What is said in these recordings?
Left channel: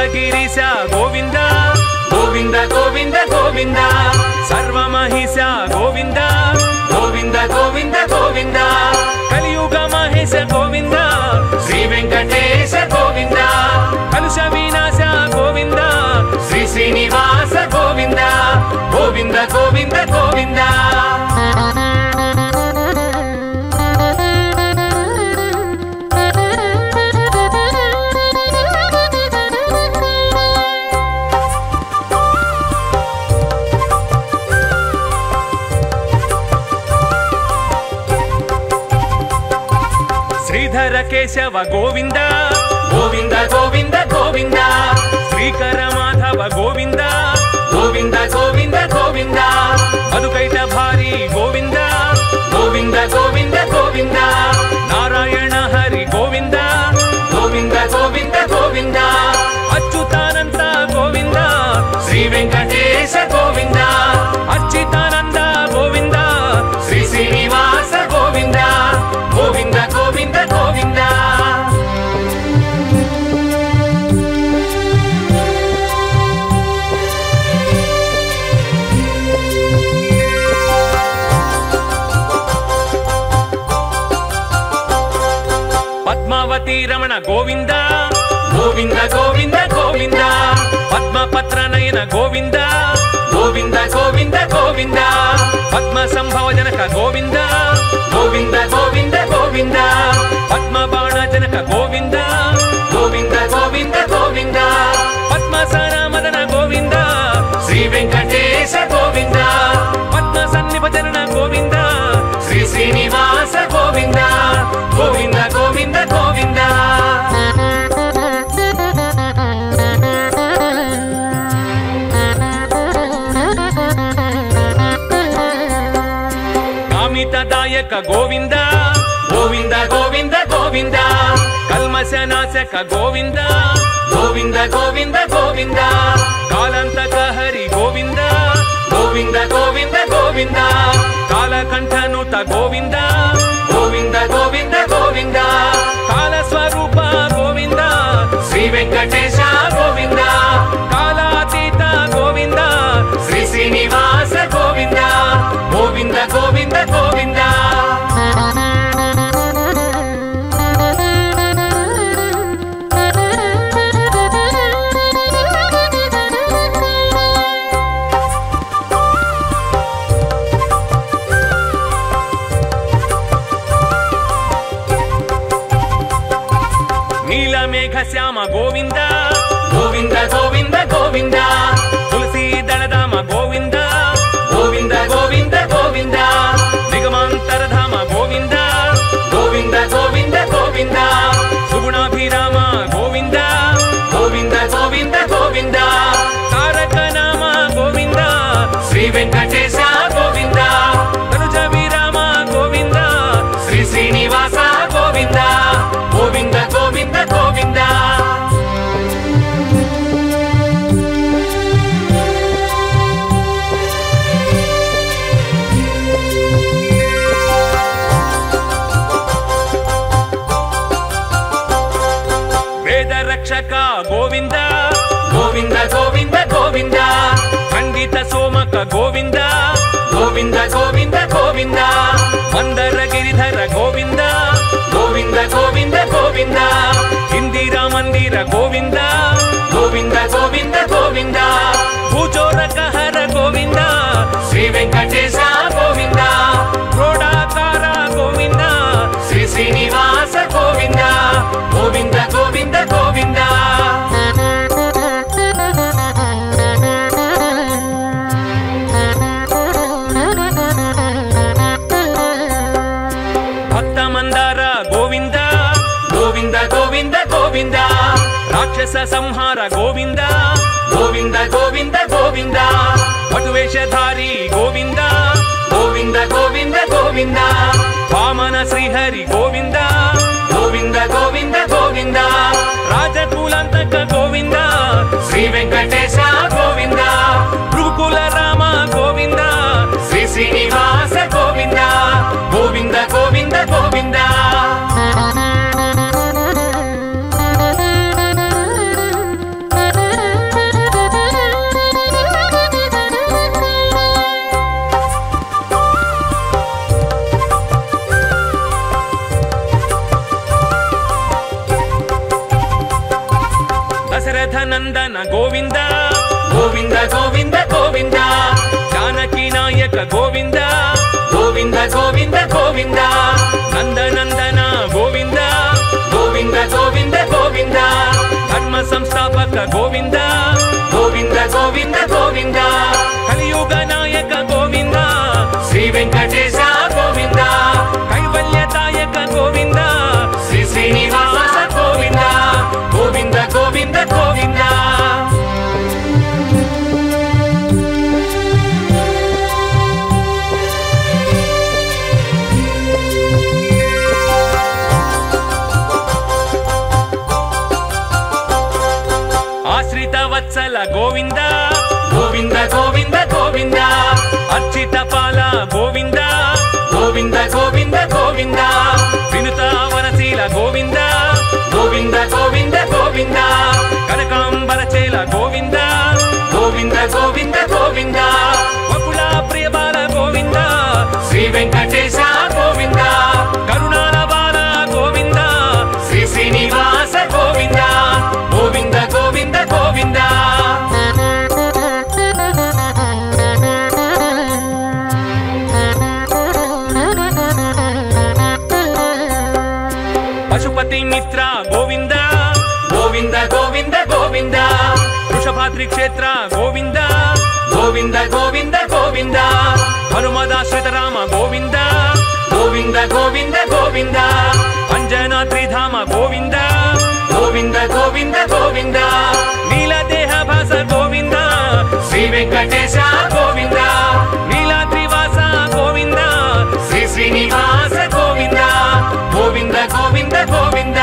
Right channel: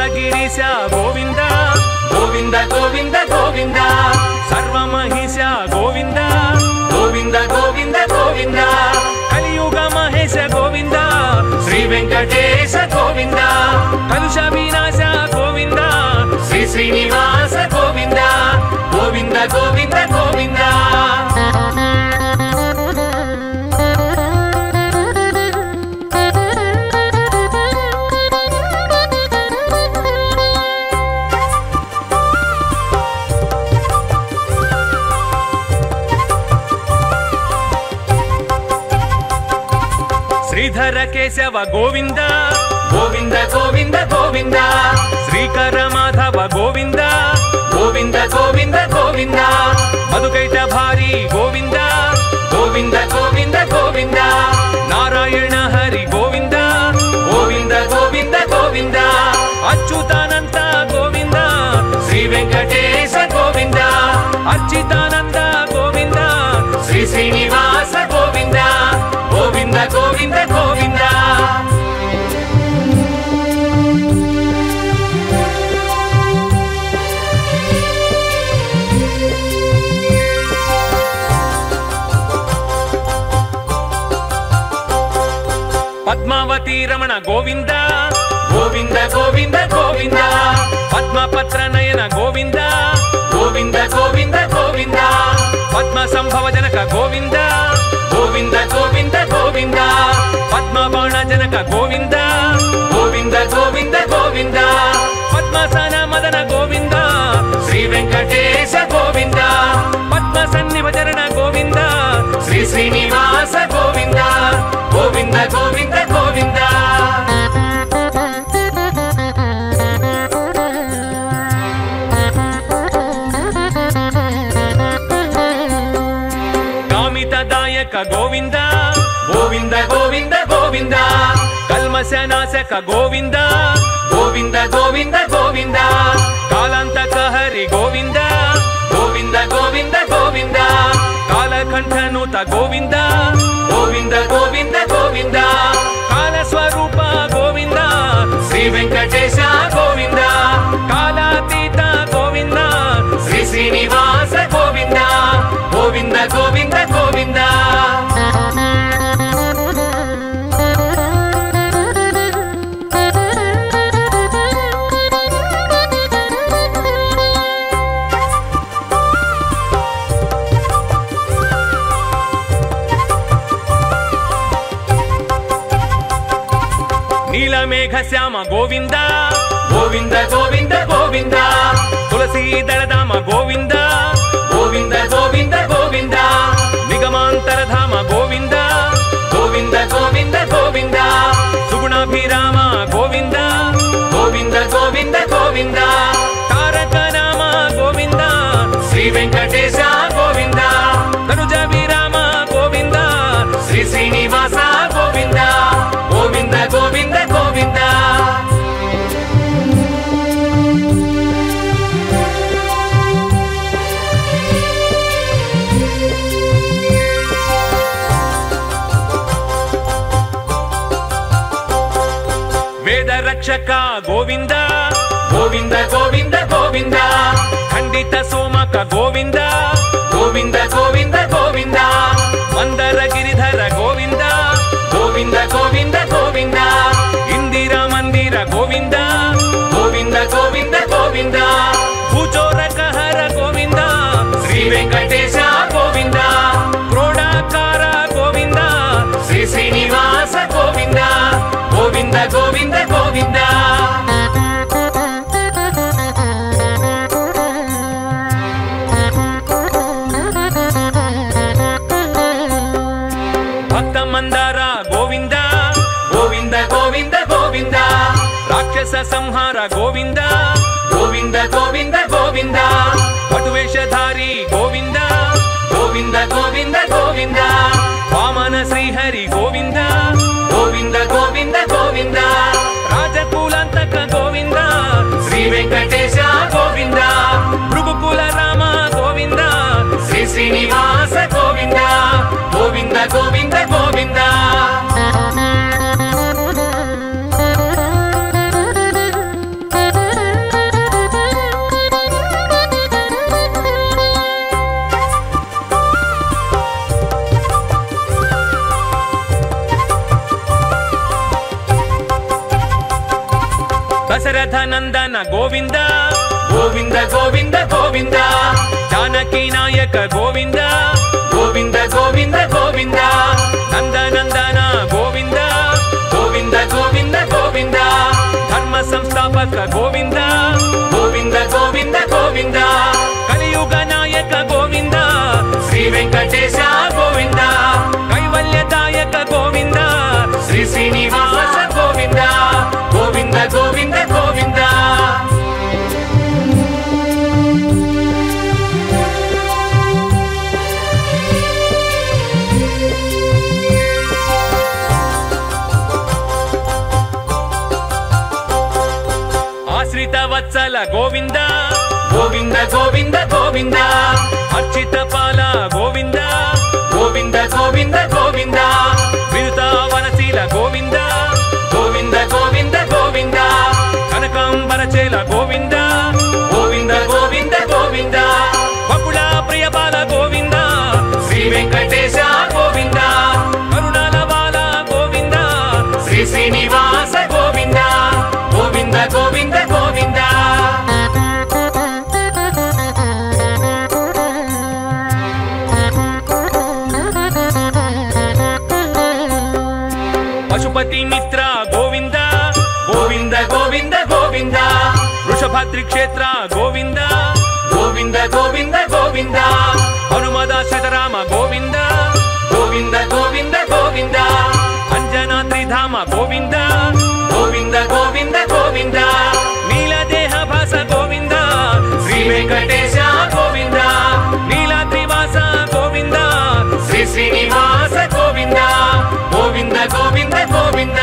అనంతగిరీశ గోవింద గోవింద గోవింద గోవింద సర్వమహిష గోవింద గోవింద గోవింద గోవింద కలియుగ మహేశ గోవింద శ్రీ వెంకటేశ గోవింద కలుష వినాశ గోవింద శ్రీ శ్రీనివాస గోవింద గోవింద గోవింద గోవింద కేశవ గోవింద గోవింద గోవింద గోవింద శ్రీకర మాధవ గోవింద గోవింద గోవింద గోవింద మధుకైట భారీ గోవింద గోవింద గోవింద గోవింద నారాయణ హరి గోవింద గోవింద గోవింద గోవింద అచ్యుతానంద గోవింద శ్రీ వెంకటేశ గోవింద అచ్యుతానంద గోవింద శ్రీ శ్రీనివాస గోవింద గోవింద గోవింద గోవింద పద్మావతి రమణ గోవింద గోవింద గోవింద గోవింద పద్మపత్ర నయన గోవింద గోవింద గోవింద గోవింద పద్మ సంభవ జనక గోవింద గోవింద గోవింద గోవింద పద్మ బాణ జనక గోవింద గోవింద గోవింద గోవింద పద్మసన మదన గోవింద శ్రీ వెంకటేశ గోవింద పద్మ సన్నిభజన గోవింద శ్రీ శ్రీనివాస గోవింద గోవింద గోవింద గోవింద కామితదాయక గోవింద గోవింద గోవింద గోవింద కల్మశనాశక గోవింద గోవింద గోవింద గోవింద కాలంతక హరి గోవింద గోవింద గోవింద గోవింద కాలకంఠనుత గోవింద గోవింద గోవింద గోవింద కాలస్వరూప గోవింద శ్రీ వెంకటేశ గోవింద కాలాతీత గోవింద శ్రీ శ్రీనివాస గోవింద గోవింద గోవింద గోవింద నీలమేఘ శ్యామ గోవింద గోవింద గోవింద గోవింద తులసీ దళధామ గోవింద గోవింద గోవింద గోవింద నిగమాంతరధామ గోవింద గోవింద గోవింద గోవింద సుగుణాభిరామ గోవింద గోవింద గోవింద గోవింద తారక నామ గోవింద శ్రీ వెంకటేశ గోవింద తనుజ విరామ గోవింద శ్రీ శ్రీనివాస గోవింద గోవింద గోవింద గోవింద వేద రక్షక గోవింద గోవింద గోవింద గోవింద ఖండిత సోమక గోవింద గోవింద గోవింద గోవింద మందర గిరిధర గోవింద గోవింద గోవింద గోవింద ఇందిరా మందిర గోవింద గోవింద గోవింద గోవింద భూచోదక హర గోవింద శ్రీ వెంకటేశ గోవింద క్రోడాకార గోవింద శ్రీ శ్రీనివాస గోవింద గోవింద గోవింద గోవింద భక్త మందార గోవింద గోవింద గోవింద గోవింద రాక్షస సంహార గోవింద గోవింద గోవింద గోవింద పటువేషధారి గోవింద గోవింద గోవింద గోవింద వామన శ్రీహరి గోవింద గోవింద గోవింద గోవింద రాజకులంతక గోవింద శ్రీ వెంకటేశ గోవింద భృగుకుల రామ గోవింద శ్రీ శ్రీనివాస గోవింద గోవింద గోవింద గోవింద నందన గోవింద గోవింద గోవింద గోవింద జానకి నాయక గోవింద గోవింద గోవింద గోవింద నందనందన గోవింద గోవింద గోవింద గోవింద ధర్మ సంస్థాపక గోవింద గోవింద గోవింద గోవింద కలియుగ నాయక గోవింద శ్రీ వెంకటేశ గోవింద కైవల్యదాయక గోవింద శ్రీ శ్రీనివాస గోవింద గోవింద గోవింద గోవింద ఆశ్రిత వత్సల గోవింద గోవింద గోవింద గోవింద అర్చిత పాల గోవింద గోవింద గోవింద గోవింద వినుత వనశీల గోవింద గోవింద గోవింద గోవింద కనకాంబరచేల గోవింద గోవింద గోవింద గోవింద బకుళ ప్రియబాల గోవింద శ్రీ వెంకటేశ గోవింద కరుణాల బాల గోవింద శ్రీ శ్రీనివాస గోవింద గోవింద గోవింద గోవింద పశుపతి మిత్ర గోవింద గోవింద గోవింద గోవింద వృషభాద్రి క్షేత్ర గోవింద గోవింద గోవింద గోవింద హనుమదాశ్రిత రామ గోవింద గోవింద గోవింద గోవింద అంజనాద్రి ధామ గోవింద గోవింద గోవింద గోవింద నీలదేహ భాస గోవింద శ్రీ వెంకటేశ గోవింద నీలాద్రివాస గోవింద శ్రీ శ్రీనివాస గోవింద గోవింద గోవింద గోవింద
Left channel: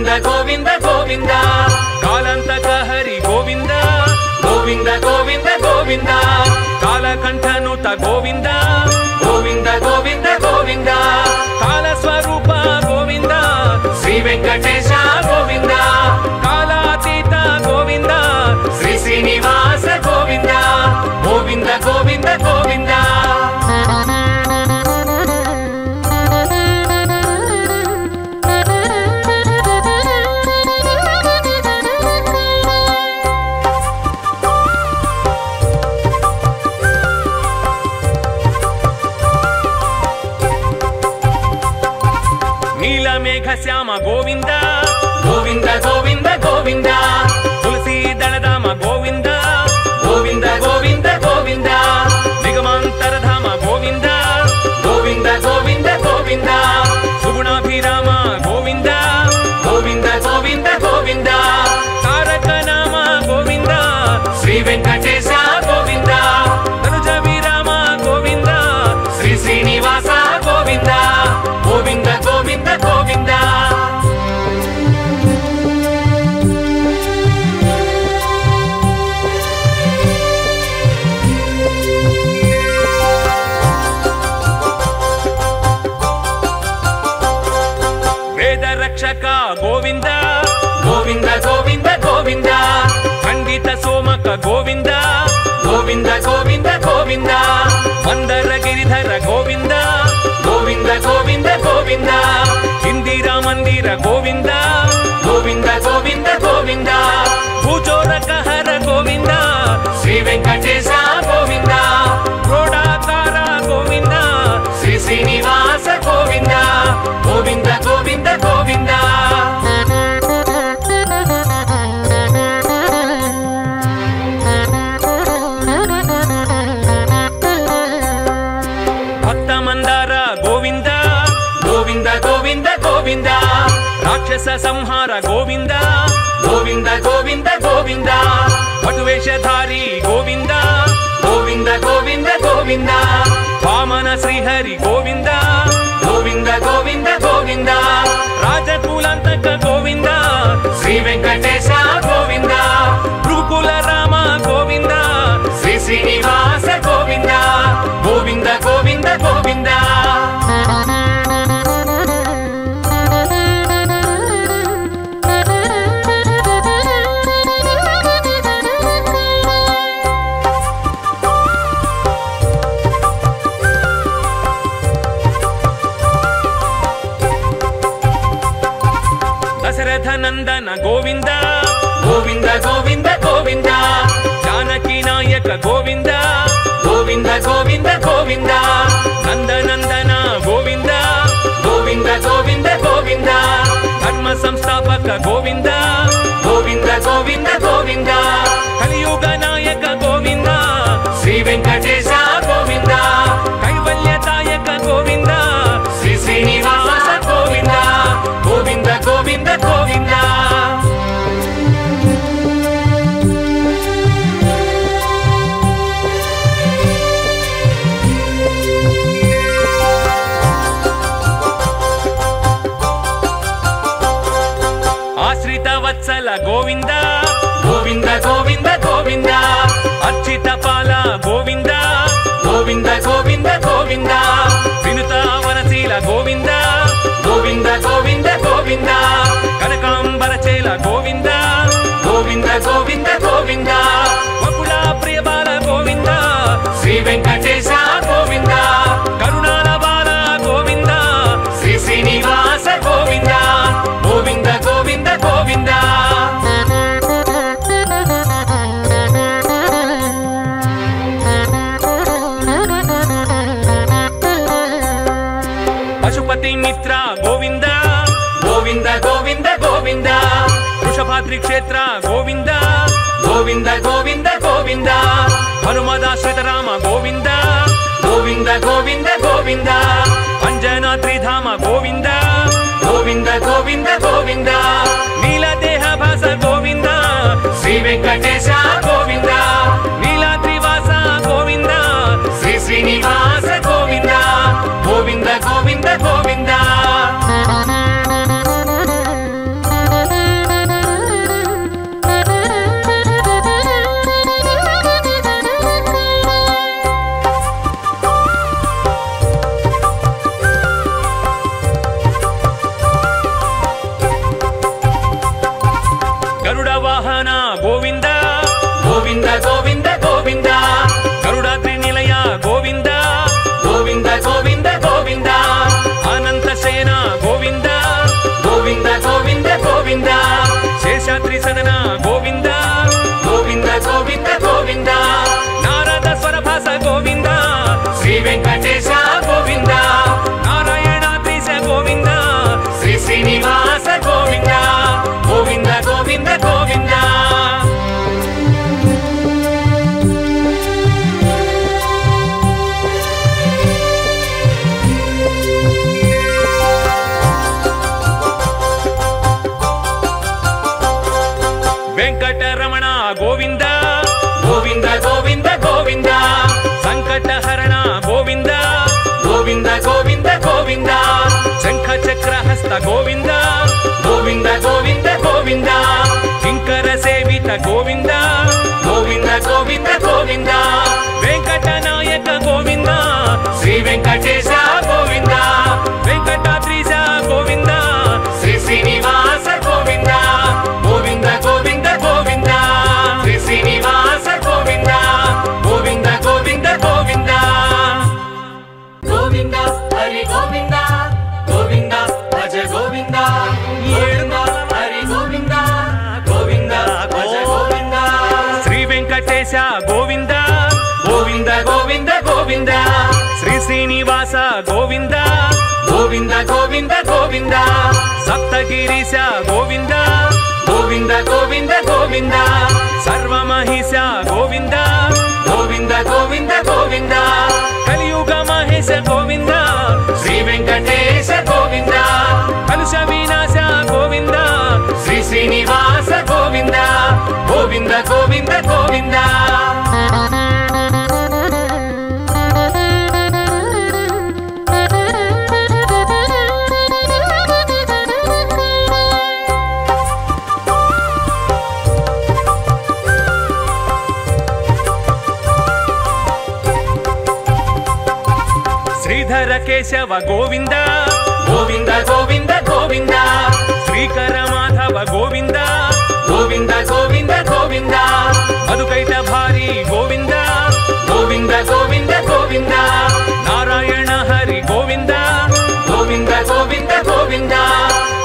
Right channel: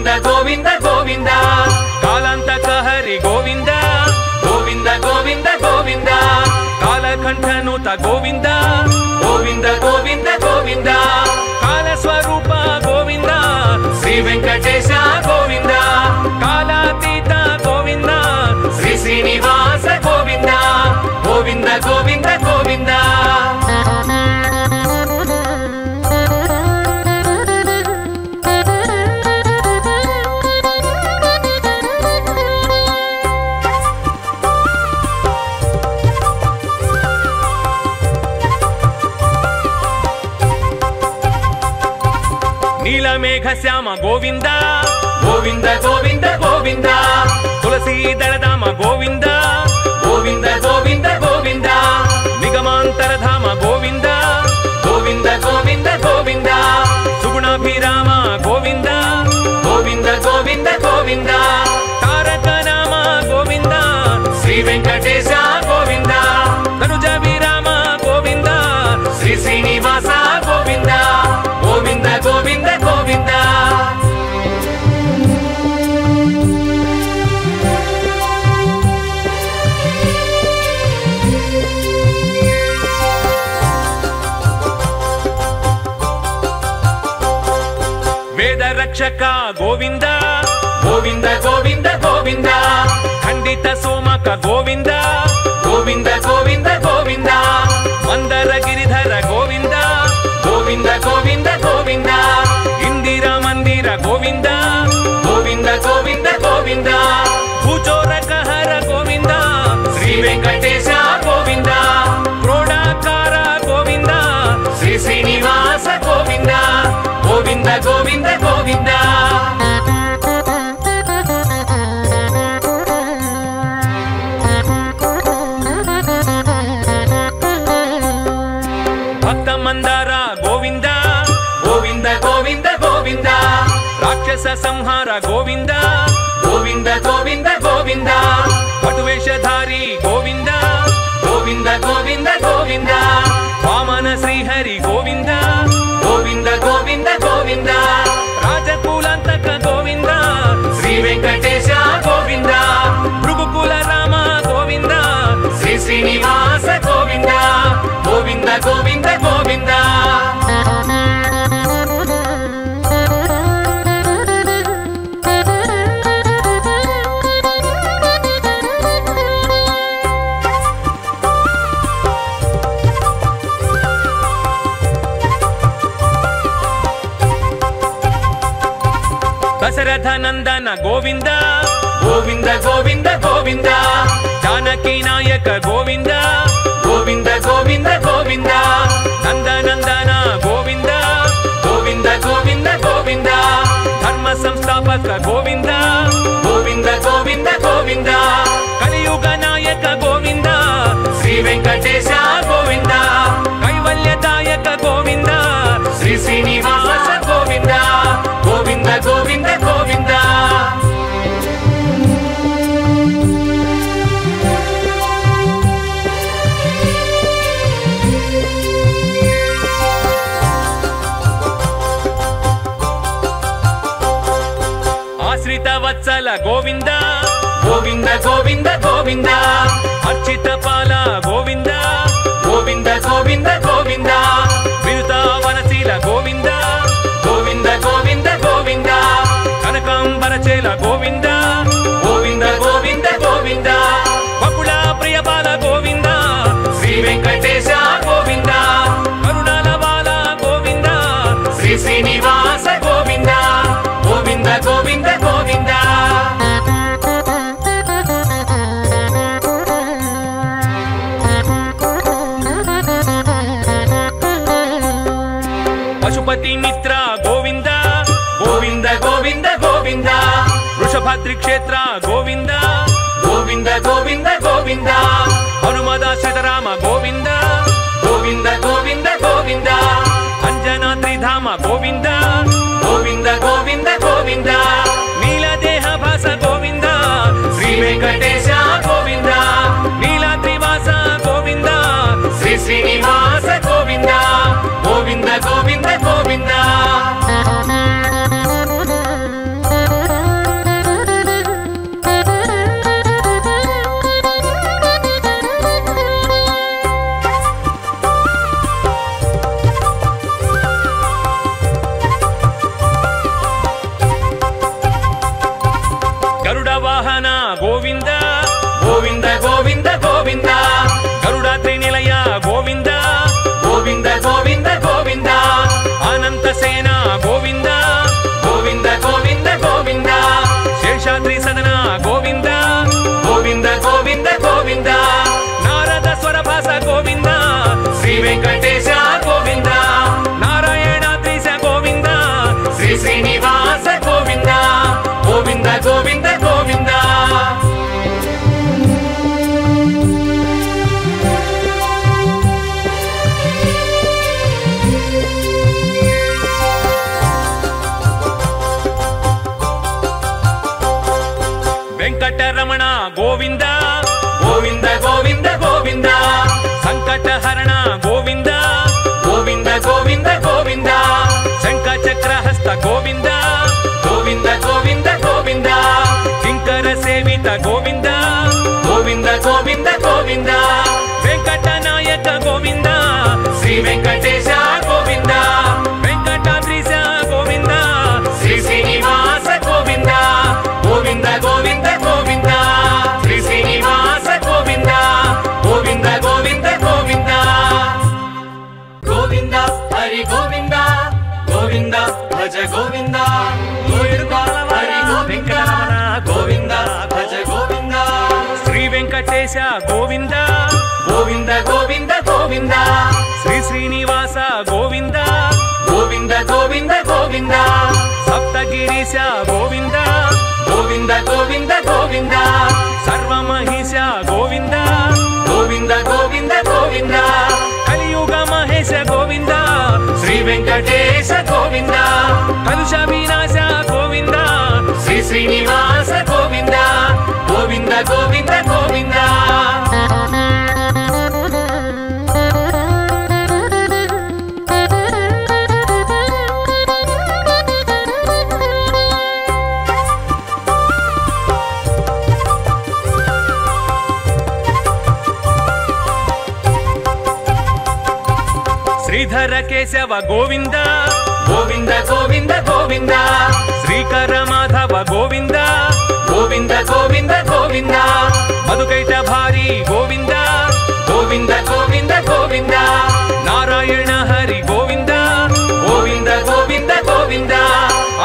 గోవింద గోవింద గోవింద కాలంతక హరి గోవింద గోవింద గోవింద గోవింద కాలకంఠనుత గోవింద గోవింద గోవింద గోవింద కాల స్వరూప గోవింద శ్రీ వెంకటేశ గోవింద కాలాతీత గోవింద శ్రీ శ్రీనివాస గోవింద గోవింద గోవింద గోవింద నీలమేఘ శ్యామ గోవింద గోవింద గోవింద గోవింద తులసీ దళధామ గోవింద గోవింద గోవింద గోవింద నిగమాంతరధామ గోవింద గోవింద గోవింద గోవింద సుగుణాభిరామ గోవింద గోవింద గోవింద గోవింద తారక నామ గోవింద శ్రీ వెంకటేశ గోవింద తనుజ విరామ గోవింద శ్రీ శ్రీనివాస గోవింద గోవింద గోవింద గోవింద వేద రక్షక గోవింద గోవింద గోవింద గోవింద ఖండిత సోమక గోవింద గోవింద గోవింద గోవింద మందర గిరిధర గోవింద గోవింద గోవింద గోవింద ఇందిరా మందిర గోవింద గోవింద గోవింద గోవింద భూచోరక హర గోవింద శ్రీ వెంకటేశ గోవింద క్రోడాకార గోవింద శ్రీ శ్రీనివాస గోవింద గోవింద గోవింద గోవింద భక్త మందార గోవింద గోవింద గోవింద గోవింద రాక్షస సంహార గోవింద గోవింద గోవింద గోవింద పటువేషధారి గోవింద గోవింద గోవింద గోవింద వామన శ్రీహరి గోవింద గోవింద గోవింద గోవింద రాజకులంతక గోవింద శ్రీ వెంకటేశ గోవింద భృగుకుల రామ గోవింద శ్రీ శ్రీనివాస గోవింద గోవింద గోవింద గోవింద దశరథ నందన గోవింద గోవింద గోవింద గోవింద జానకి నాయక గోవింద గోవింద గోవింద గోవింద నందనందన గోవింద గోవింద గోవింద గోవింద ధర్మ సంస్థాపక గోవింద గోవింద గోవింద గోవింద కలియుగ నాయక గోవింద శ్రీ వెంకటేశ గోవింద కైవల్యదాయక గోవింద శ్రీ శ్రీనివాస గోవింద గోవింద గోవింద గోవింద ఆశ్రిత వత్సల గోవింద గోవింద గోవింద గోవింద అర్చిత పాల గోవింద గోవింద గోవింద గోవింద వినుత వనశీల గోవింద గోవింద గోవింద గోవింద కనకాంబరచేల గోవింద గోవింద గోవింద గోవింద బకుళ ప్రియబాల గోవింద శ్రీ వెంకటేశ గోవింద కరుణాల బాల గోవింద శ్రీ శ్రీనివాస గోవింద గోవింద గోవింద గోవింద పశుపతి మిత్ర గోవింద గోవింద గోవింద గోవింద వృషభ గోవింద గోవింద గోవింద గోవింద సర్వమహిష గోవింద గోవింద గోవింద గోవింద కలియుగ మహేశ గోవింద శ్రీ వెంకటేశ గోవింద కలుష వినాశ గోవింద శ్రీ శ్రీనివాస గోవింద గోవింద గోవింద గోవింద శ్రీధర కేశవ గోవింద గోవింద గోవింద గోవింద శ్రీకర మాధవ గోవింద గోవింద గోవింద గోవింద మధుకైట భారీ గోవింద గోవింద గోవింద గోవింద నారాయణ హరి గోవింద గోవింద గోవింద గోవింద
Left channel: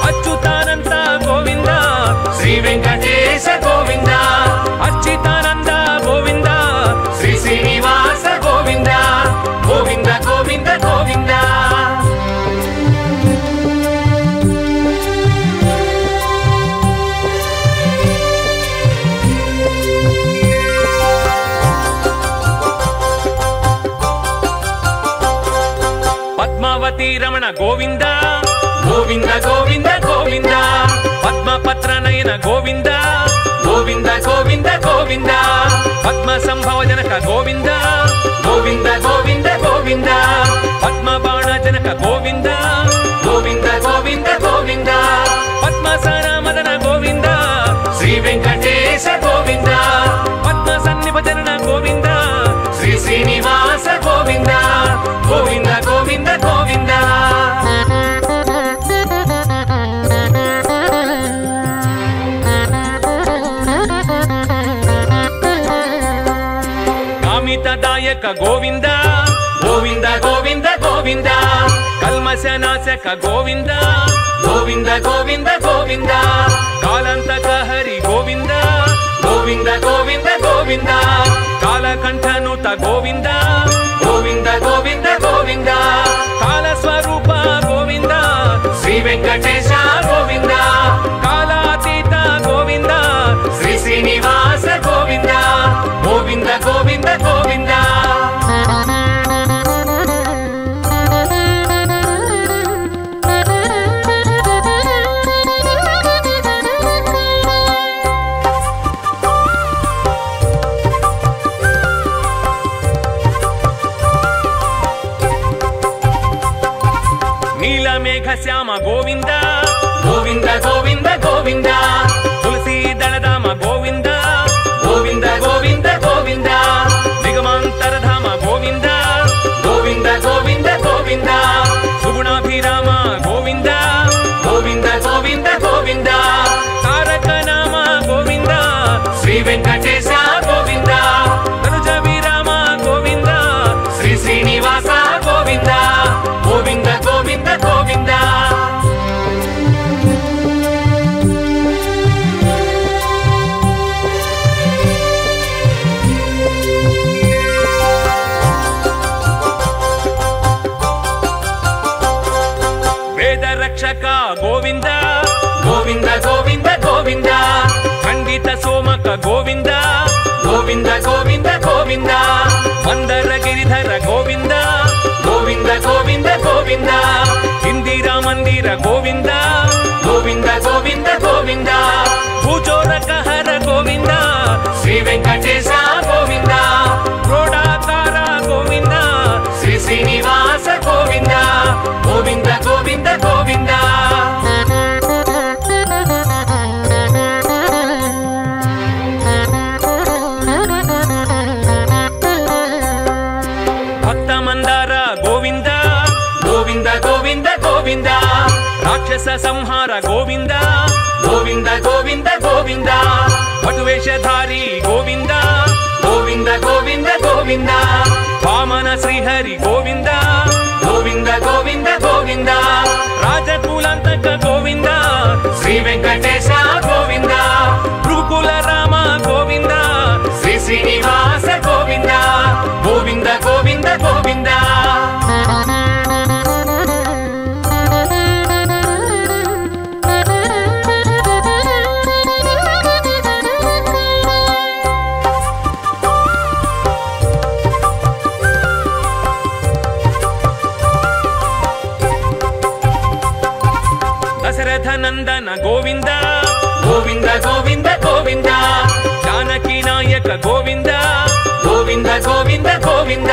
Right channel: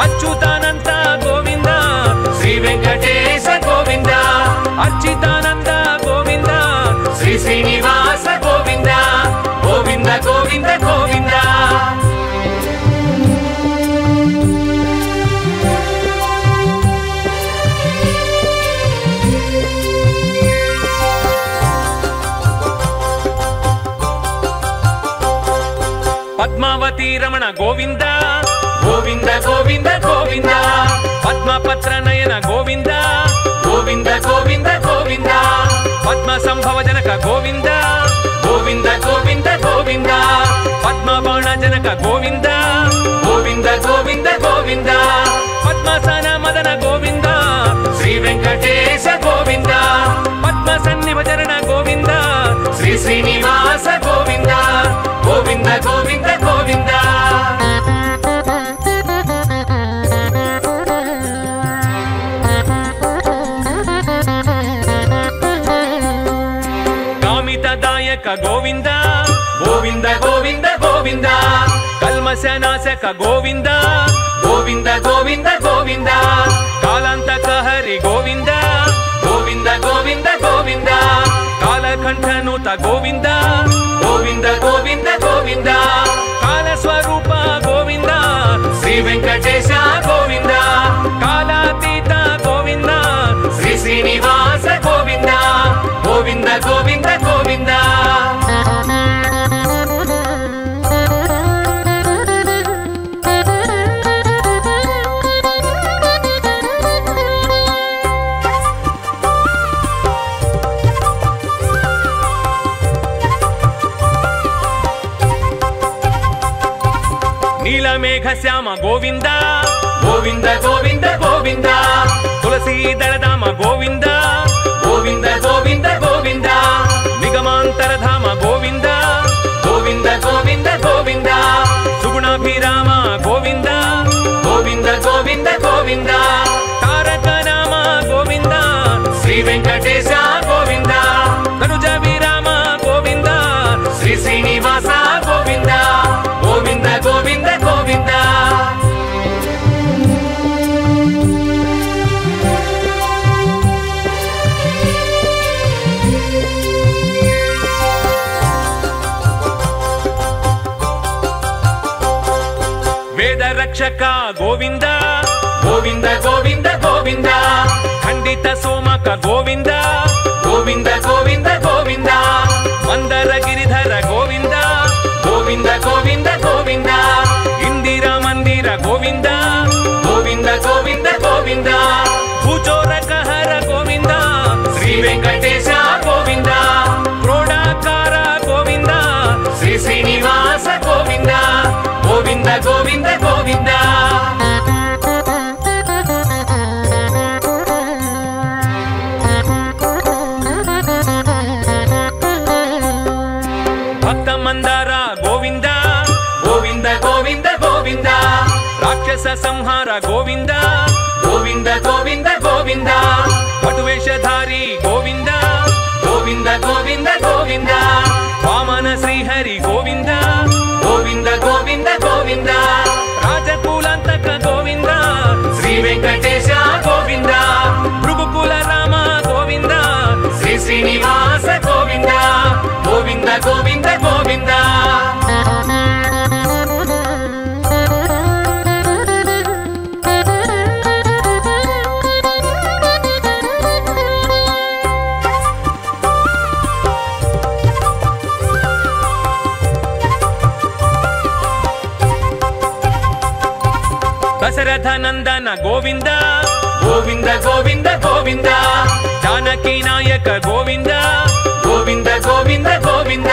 అచ్యుతానంద గోవింద శ్రీ వెంకటేశ గోవింద అచ్యుతానంద గోవింద శ్రీ శ్రీనివాస గోవింద గోవింద గోవింద గోవింద పద్మావతి రమణ గోవింద గోవింద గోవింద గోవింద పద్మపత్ర నయన గోవింద గోవింద గోవింద గోవింద పద్మ సంభవ జనక గోవింద గోవింద గోవింద గోవింద పద్మ బాణ జనక గోవింద గోవింద గోవింద గోవింద పద్మసన మదన గోవింద శ్రీ వెంకటేశ గోవింద పద్మ సన్నిభజన గోవింద శ్రీ శ్రీనివాస గోవింద గోవింద గోవింద గోవింద కామితదాయక గోవింద గోవింద గోవింద గోవింద కల్మశనాశక గోవింద గోవింద గోవింద గోవింద కాలంతక హరి గోవింద గోవింద గోవింద గోవింద కాలకంఠనుత గోవింద గోవింద గోవింద గోవింద కాలస్వరూప గోవింద శ్రీ వెంకటేశ గోవింద కాలాతీత గోవింద శ్రీ శ్రీనివాస గోవింద గోవింద గోవింద గోవింద నీలమేఘ శ్యామ గోవింద గోవింద గోవింద గోవింద తులసీ దళధామ గోవింద గోవింద గోవింద గోవింద నిగమాంతరధామ గోవింద గోవింద గోవింద గోవింద సుగుణాభిరామ గోవింద గోవింద గోవింద గోవింద తారక రామ గోవింద శ్రీ వెంకటేశ గోవింద తనుజ విరామ గోవింద శ్రీ శ్రీనివాస గోవింద గోవింద గోవింద గోవింద వేద రక్షక గోవింద గోవింద గోవింద గోవింద ఖండిత సోమక గోవింద గోవింద గోవింద గోవింద మందర గిరిధర గోవింద గోవింద గోవింద గోవింద ఇందిరా మందిర గోవింద గోవింద గోవింద గోవింద భూచోరక హర గోవింద శ్రీ వెంకటేశ గోవింద క్రోడాకార గోవింద శ్రీ శ్రీనివాస గోవింద గోవింద గోవింద గోవింద భక్త మందార గోవింద గోవింద గోవింద గోవింద రాక్షస సంహార గోవింద గోవింద గోవింద గోవింద పటువేషధారి గోవింద గోవింద గోవింద గోవింద వామన శ్రీహరి గోవింద గోవింద గోవింద గోవింద రాజకులంతక గోవింద శ్రీ వెంకటేశ గోవింద భృగుకుల రామ గోవింద శ్రీ శ్రీనివాస గోవింద గోవింద గోవింద గోవింద ನಂದನ ಗೋವಿಂದ ಗೋವಿಂದ ಗೋವಿಂದ ಗೋವಿಂದ ಜಾನಕಿ ನಾಯಕ ಗೋವಿಂದ ಗೋವಿಂದ ಗೋವಿಂದ ಗೋವಿಂದ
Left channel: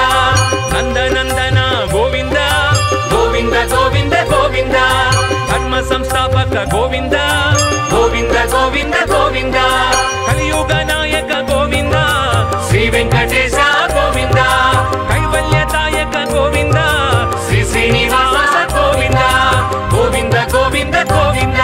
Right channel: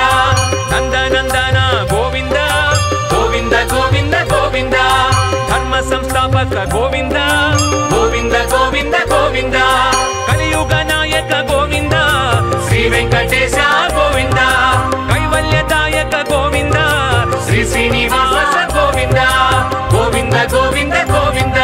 ನಂದನಂದನ ಗೋವಿಂದ ಗೋವಿಂದ ಗೋವಿಂದ ಗೋವಿಂದ ಧರ್ಮ ಸಂಸ್ಥಾಪಕ ಗೋವಿಂದ ಗೋವಿಂದ ಗೋವಿಂದ ಗೋವಿಂದ ಕಲಿಯುಗ ನಾಯಕ ಗೋವಿಂದ ಶ್ರೀ ವೆಂಕಟೇಶ ಗೋವಿಂದ ಕೈವಲ್ಯದಾಯಕ ಗೋವಿಂದ ಶ್ರೀ ಶ್ರೀನಿವಾಸ ಗೋವಿಂದ ಗೋವಿಂದ ಗೋವಿಂದ ಗೋವಿಂದ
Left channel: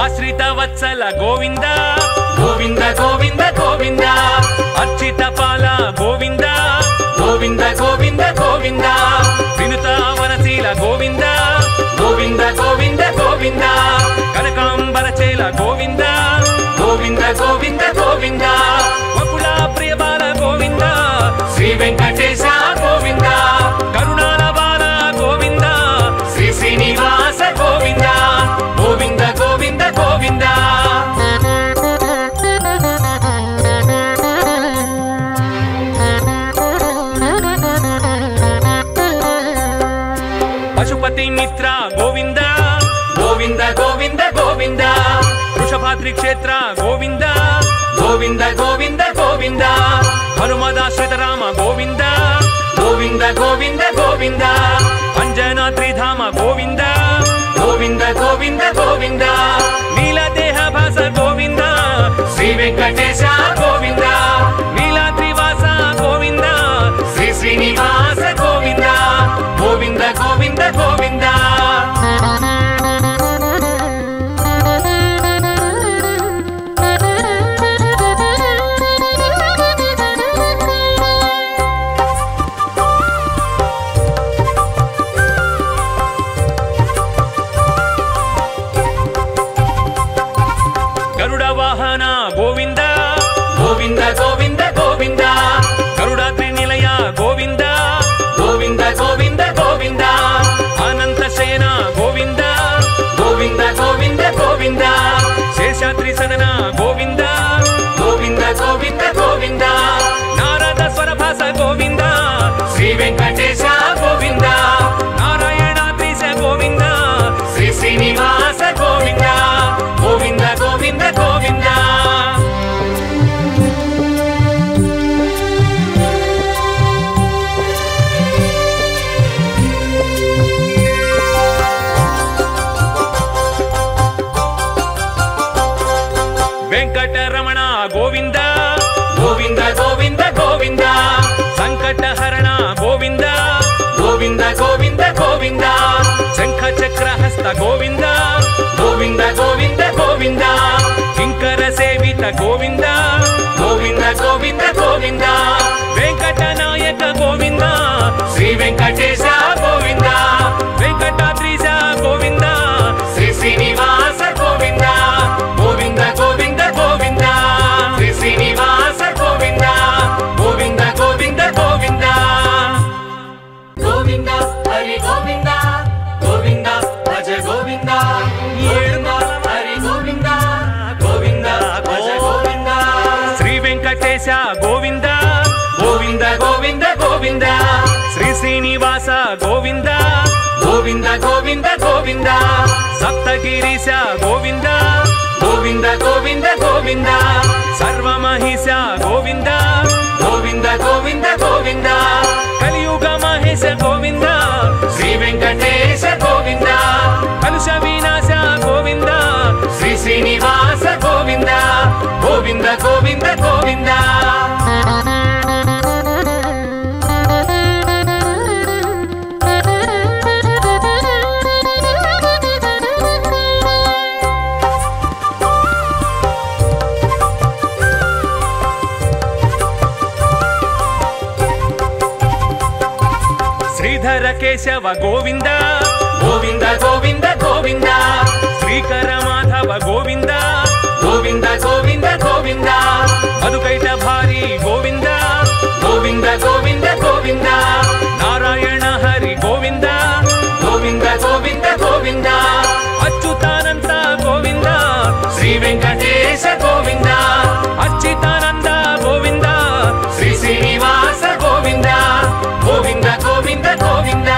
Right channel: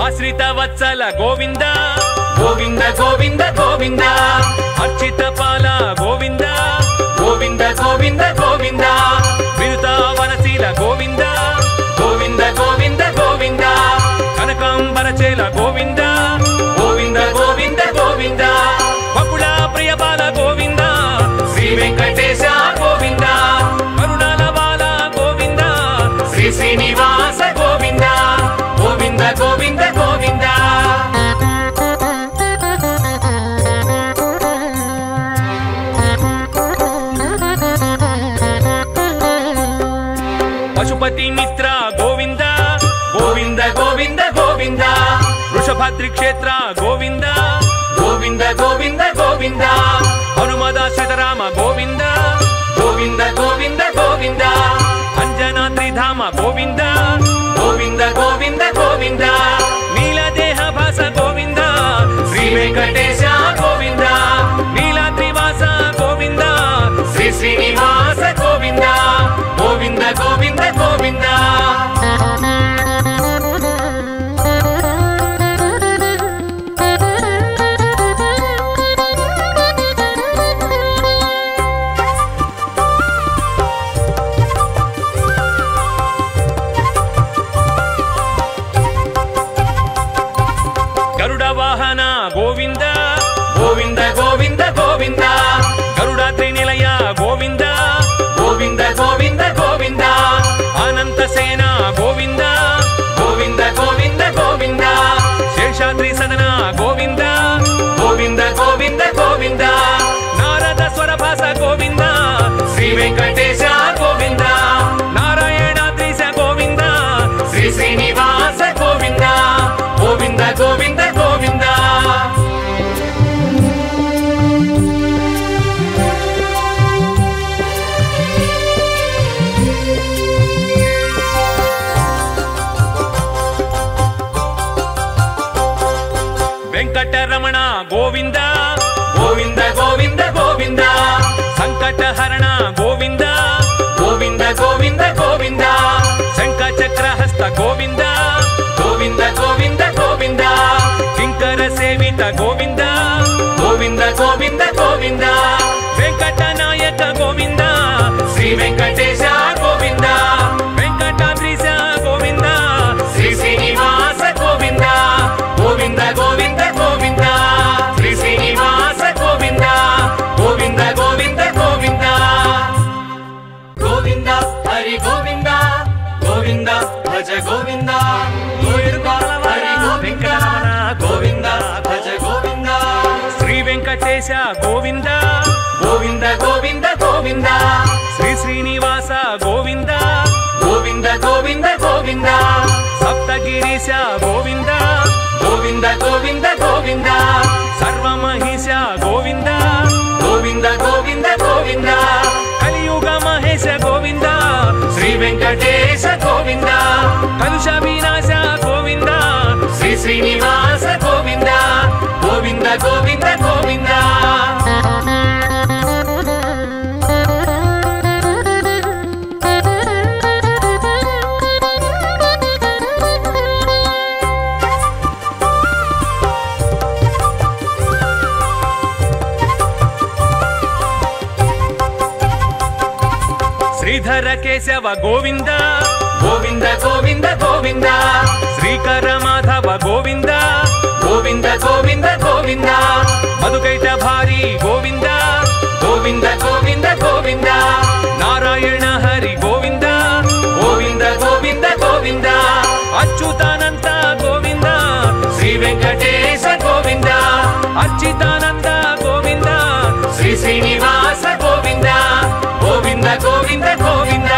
ಆಶ್ರಿತ ವತ್ಸಲ ಗೋವಿಂದ ಗೋವಿಂದ ಗೋವಿಂದ ಗೋವಿಂದ ಅರ್ಚಿತ ಪಾಲ ಗೋವಿಂದ ಗೋವಿಂದ ಗೋವಿಂದ ಗೋವಿಂದ ವಿನುತ ವನಶೀಲ ಗೋವಿಂದ ಗೋವಿಂದ ಗೋವಿಂದ ಗೋವಿಂದ ಕನಕಾಂಬರ ಚೇಲ ಗೋವಿಂದ ಗೋವಿಂದ ಗೋವಿಂದ ಗೋವಿಂದ ಬಕುಳ ಪ್ರಿಯ ಬಾಲ ಗೋವಿಂದ ಶ್ರೀ ವೆಂಕಟೇಶ ಗೋವಿಂದ ಕರುಣಾಲ ಬಾಲ ಗೋವಿಂದ ಶ್ರೀ ಶ್ರೀನಿವಾಸ ಗೋವಿಂದ ಗೋವಿಂದ ಗೋವಿಂದ ಗೋವಿಂದ ಪಶುಪತಿ ಮಿತ್ರ ಗೋವಿಂದ ಗೋವಿಂದ ಗೋವಿಂದ ಗೋವಿಂದ ವೃಷಭಾದ್ರಿ ಕ್ಷೇತ್ರ ಗೋವಿಂದ ಗೋವಿಂದ ಗೋವಿಂದ ಗೋವಿಂದ ಹನುಮದಾಶ್ರಿತ ರಾಮ ಗೋವಿಂದ ಗೋವಿಂದ ಗೋವಿಂದ ಗೋವಿಂದ ಅಂಜನಾದ್ರಿ ಧಾಮ ಗೋವಿಂದ ಗೋವಿಂದ ಗೋವಿಂದ ಗೋವಿಂದ ನೀಲದೇಹ ಭಾಸ ಗೋವಿಂದ ಶ್ರೀ ವೆಂಕಟೇಶ ಗೋವಿಂದ ನೀಲಾದ್ರಿವಾಸ ಗೋವಿಂದ ಶ್ರೀ ಶ್ರೀನಿವಾಸ ಗೋವಿಂದ ಗೋವಿಂದ ಗೋವಿಂದ ಗೋವಿಂದ ಗರುಡ ವಾಹನ ಗೋವಿಂದ ಗೋವಿಂದ ಗೋವಿಂದ ಗೋವಿಂದ ಗರುಡಾದ್ರಿ ನಿಲಯ ಗೋವಿಂದ ಗೋವಿಂದ ಗೋವಿಂದ ಗೋವಿಂದ ಅನಂತ ಸೇನ ಗೋವಿಂದ ಗೋವಿಂದ ಗೋವಿಂದ ಗೋವಿಂದ ಶೇಷಾದ್ರಿ ಸದನ ಗೋವಿಂದ ಗೋವಿಂದ ಗೋವಿಂದ ಗೋವಿಂದ ನಾರದ ಸ್ವರಭಾಸ ಗೋವಿಂದ ಶ್ರೀ ವೆಂಕಟೇಶ ಗೋವಿಂದ ನಾರಾಯಣಾದ್ರೀಶ ಗೋವಿಂದ ಶ್ರೀ ಶ್ರೀನಿವಾಸ ಗೋವಿಂದ ಗೋವಿಂದ ಗೋವಿಂದ ಗೋವಿಂದ ವೆಂಕಟರಮಣ ಗೋವಿಂದ ಗೋವಿಂದ ಗೋವಿಂದ ಗೋವಿಂದ ಸಂಕಟಹರಣ ಗೋವಿಂದ ಗೋವಿಂದ ಗೋವಿಂದ ಗೋವಿಂದ ಶಂಖಚಕ್ರಹಸ್ತ ಗೋವಿಂದ ಗೋವಿಂದ ಗೋವಿಂದ ಗೋವಿಂದ ಕಿಂಕರ ಸೇವಿತ ಗೋವಿಂದ ಗೋವಿಂದ ಗೋವಿಂದ ಗೋವಿಂದ ವೆಂಕಟನಾಯಕ ಗೋವಿಂದ ಶ್ರೀ ವೆಂಕಟೇಶ ಗೋವಿಂದ ವೆಂಕಟಾದ್ರೀಶ ಗೋವಿಂದ ಶ್ರೀ ಶ್ರೀನಿವಾಸ ಗೋವಿಂದ ಗೋವಿಂದ ಗೋವಿಂದ ಗೋವಿಂದ ಶ್ರೀ ಶ್ರೀನಿವಾಸ ಗೋವಿಂದ ಗೋವಿಂದ ಗೋವಿಂದ ಗೋವಿಂದ ಗೋವಿಂದ ಹರಿ ಗೋವಿಂದ ಗೋವಿಂದ ಭಜ ಗೋವಿಂದ ಹರಿ ಗೋವಿಂದ ಗೋವಿಂದ ಭಜ ಗೋವಿಂದ ಶ್ರೀ ವೆಂಕಟೇಶ ಗೋವಿಂದ ಗೋವಿಂದ ಗೋವಿಂದ ಗೋವಿಂದ ಶ್ರೀ ಶ್ರೀನಿವಾಸ ಗೋವಿಂದ ಗೋವಿಂದ ಗೋವಿಂದ ಗೋವಿಂದ ಸಪ್ತಗಿರೀಶ ಗೋವಿಂದ ಗೋವಿಂದ ಗೋವಿಂದ ಗೋವಿಂದ ಸರ್ವ ಮಹಿಷ ಗೋವಿಂದ ಗೋವಿಂದ ಗೋವಿಂದ ಗೋವಿಂದ ಕಲಿಯುಗ ಮಹೇಶ ಗೋವಿಂದ ಶ್ರೀ ವೆಂಕಟೇಶ ಗೋವಿಂದ ಕಲುಷ ವಿನಾಶ ಗೋವಿಂದ ಶ್ರೀ ಶ್ರೀನಿವಾಸ ಗೋವಿಂದ ಗೋವಿಂದ ಗೋವಿಂದ ಗೋವಿಂದ ಶ್ರೀಧರ ಕೇಶವ ಗೋವಿಂದ ಗೋವಿಂದ ಗೋವಿಂದ ಗೋವಿಂದ ಶ್ರೀಕರ ಮಾಧವ ಗೋವಿಂದ ಗೋವಿಂದ ಗೋವಿಂದ ಗೋವಿಂದ ಮಧುಕೈಟ ಭಾರಿ ಗೋವಿಂದ ಗೋವಿಂದ ಗೋವಿಂದ ಗೋವಿಂದ ನಾರಾಯಣ ಹರಿ ಗೋವಿಂದ ಗೋವಿಂದ ಗೋವಿಂದ ಗೋವಿಂದ ಅಚ್ಯುತಾನಂದ ಗೋವಿಂದ శ్రీ వెంకటేశ గోవింద అచ్యుతానంద గోవింద శ్రీ శ్రీనివాస గోవింద గోవింద గోవింద గోవింద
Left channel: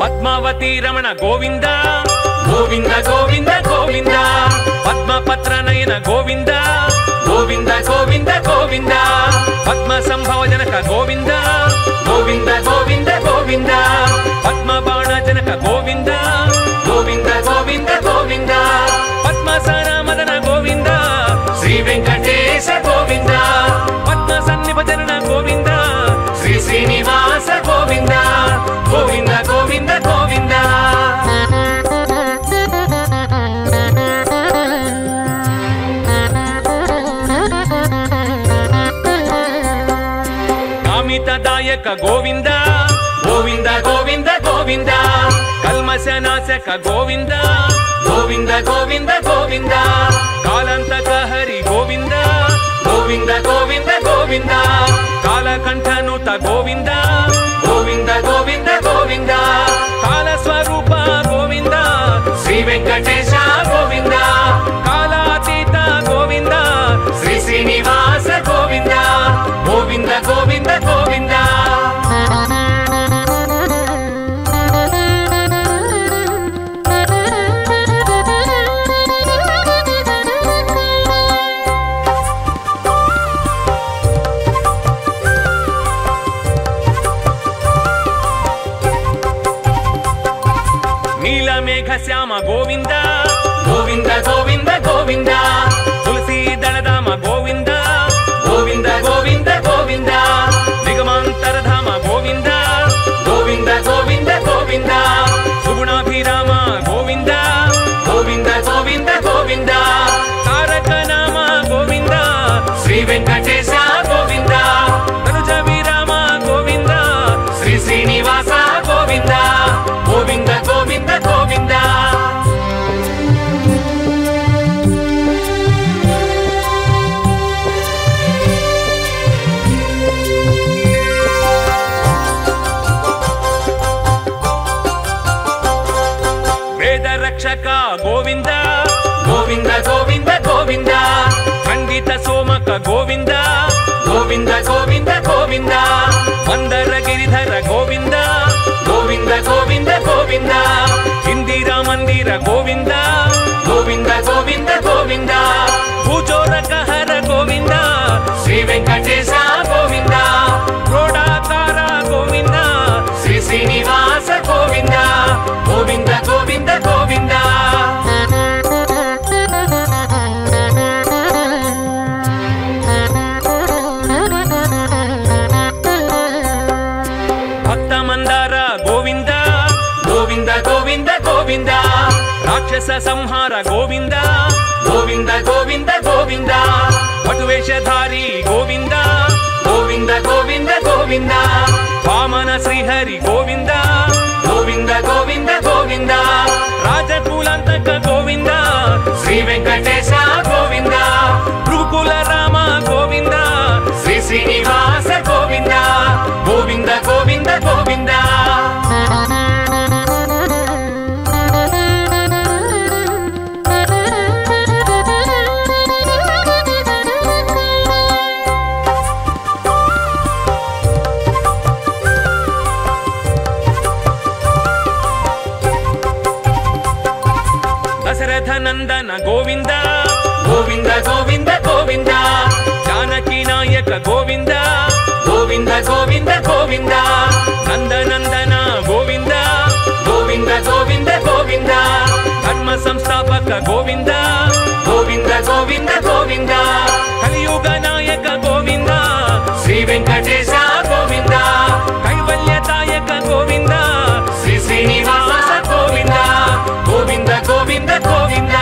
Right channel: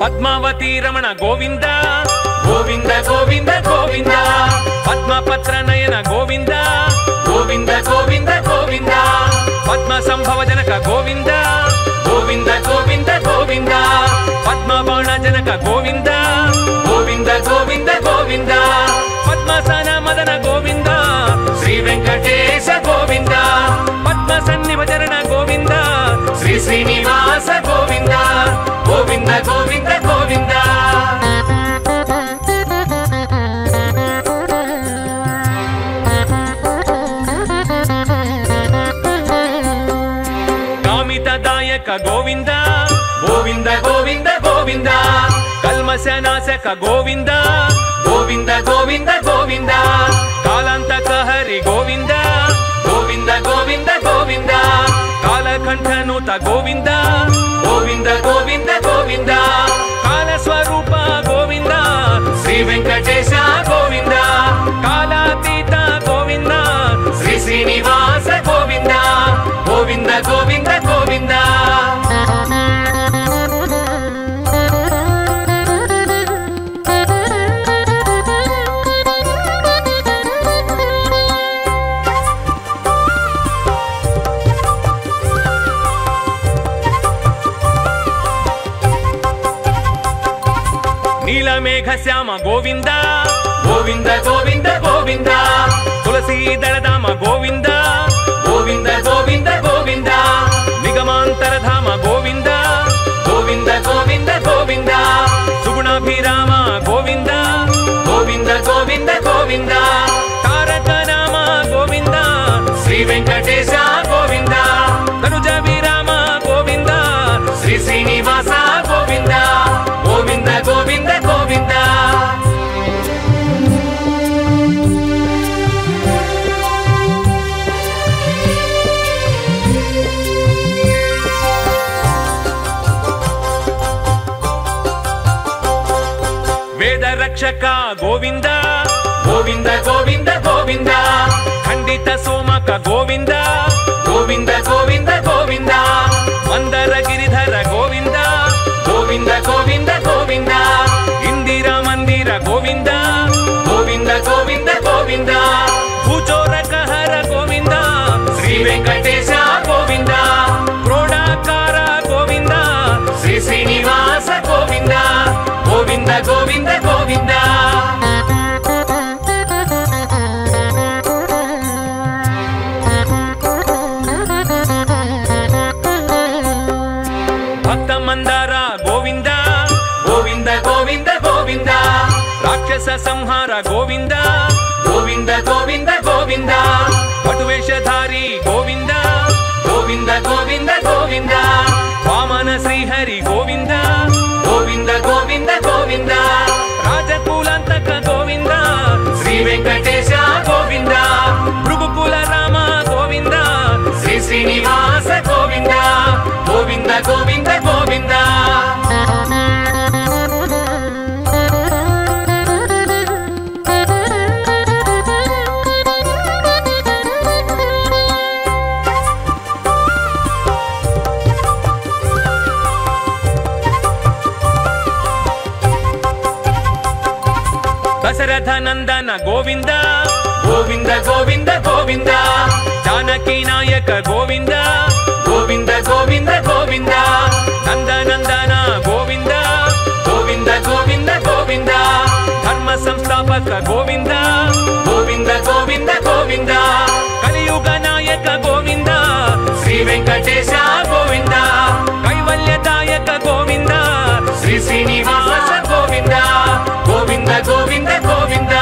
పద్మావతి రమణ గోవింద గోవింద గోవింద గోవింద పద్మపత్ర నయన గోవింద గోవింద గోవింద గోవింద పద్మ సంభవ జనక గోవింద గోవింద గోవింద గోవింద పద్మ బాణ జనక గోవింద గోవింద గోవింద గోవింద పద్మసన మదన గోవింద శ్రీ వెంకటేశ గోవింద పద్మ సన్నిభజన గోవింద శ్రీ శ్రీనివాస గోవింద గోవింద గోవింద గోవింద కామితదాయక గోవింద గోవింద గోవింద గోవింద కల్మశనాశక గోవింద గోవింద గోవింద గోవింద కాలంతక హరి గోవింద గోవింద గోవింద గోవింద కాలకంఠనుత గోవింద గోవింద గోవింద గోవింద కాలస్వరూప గోవింద శ్రీ వెంకటేశ గోవింద కాలాతీత గోవింద శ్రీ శ్రీనివాస గోవింద గోవింద గోవింద గోవింద నీలమేఘ శ్యామ గోవింద గోవింద గోవింద గోవింద తులసీ దళధామ గోవింద గోవింద గోవింద గోవింద నిగమాంతరధామ గోవింద గోవింద గోవింద గోవింద సుగుణాభిరామ గోవింద గోవింద గోవింద గోవింద తారక నామ గోవింద శ్రీ వెంకటేశ గోవింద తనుజ విరామ గోవింద శ్రీ శ్రీనివాస గోవింద గోవింద గోవింద గోవింద వేద రక్షక గోవింద గోవింద గోవింద గోవింద ఖండిత సోమక గోవింద గోవింద గోవింద గోవింద మందర గిరిధర గోవింద గోవింద గోవింద గోవింద ఇందిరా మందిర గోవింద గోవింద గోవింద గోవింద భూచోరక హర గోవింద శ్రీ వెంకటేశ గోవింద క్రోడాకార గోవింద శ్రీ శ్రీనివాస గోవింద గోవింద గోవింద గోవింద భక్త మందార గోవింద గోవింద గోవింద గోవింద రాక్షస సంహార గోవింద గోవింద గోవింద గోవింద పటువేషధారి గోవింద గోవింద గోవింద గోవింద వామన శ్రీహరి గోవింద గోవింద గోవింద గోవింద రాజకులంతక గోవింద శ్రీ వెంకటేశ గోవింద భృగుకుల రామ గోవింద శ్రీ శ్రీనివాస గోవింద గోవింద గోవింద గోవింద దశరథ నందన గోవింద గోవింద గోవింద గోవింద జానకి నాయక గోవింద గోవింద గోవింద గోవింద నందనందన గోవింద గోవింద గోవింద గోవింద ధర్మ సంస్థాపక గోవింద గోవింద గోవింద గోవింద కలియుగ నాయక గోవింద శ్రీ వెంకటేశ గోవింద కైవల్యదాయక గోవింద శ్రీ శ్రీనివాస గోవింద గోవింద గోవింద గోవింద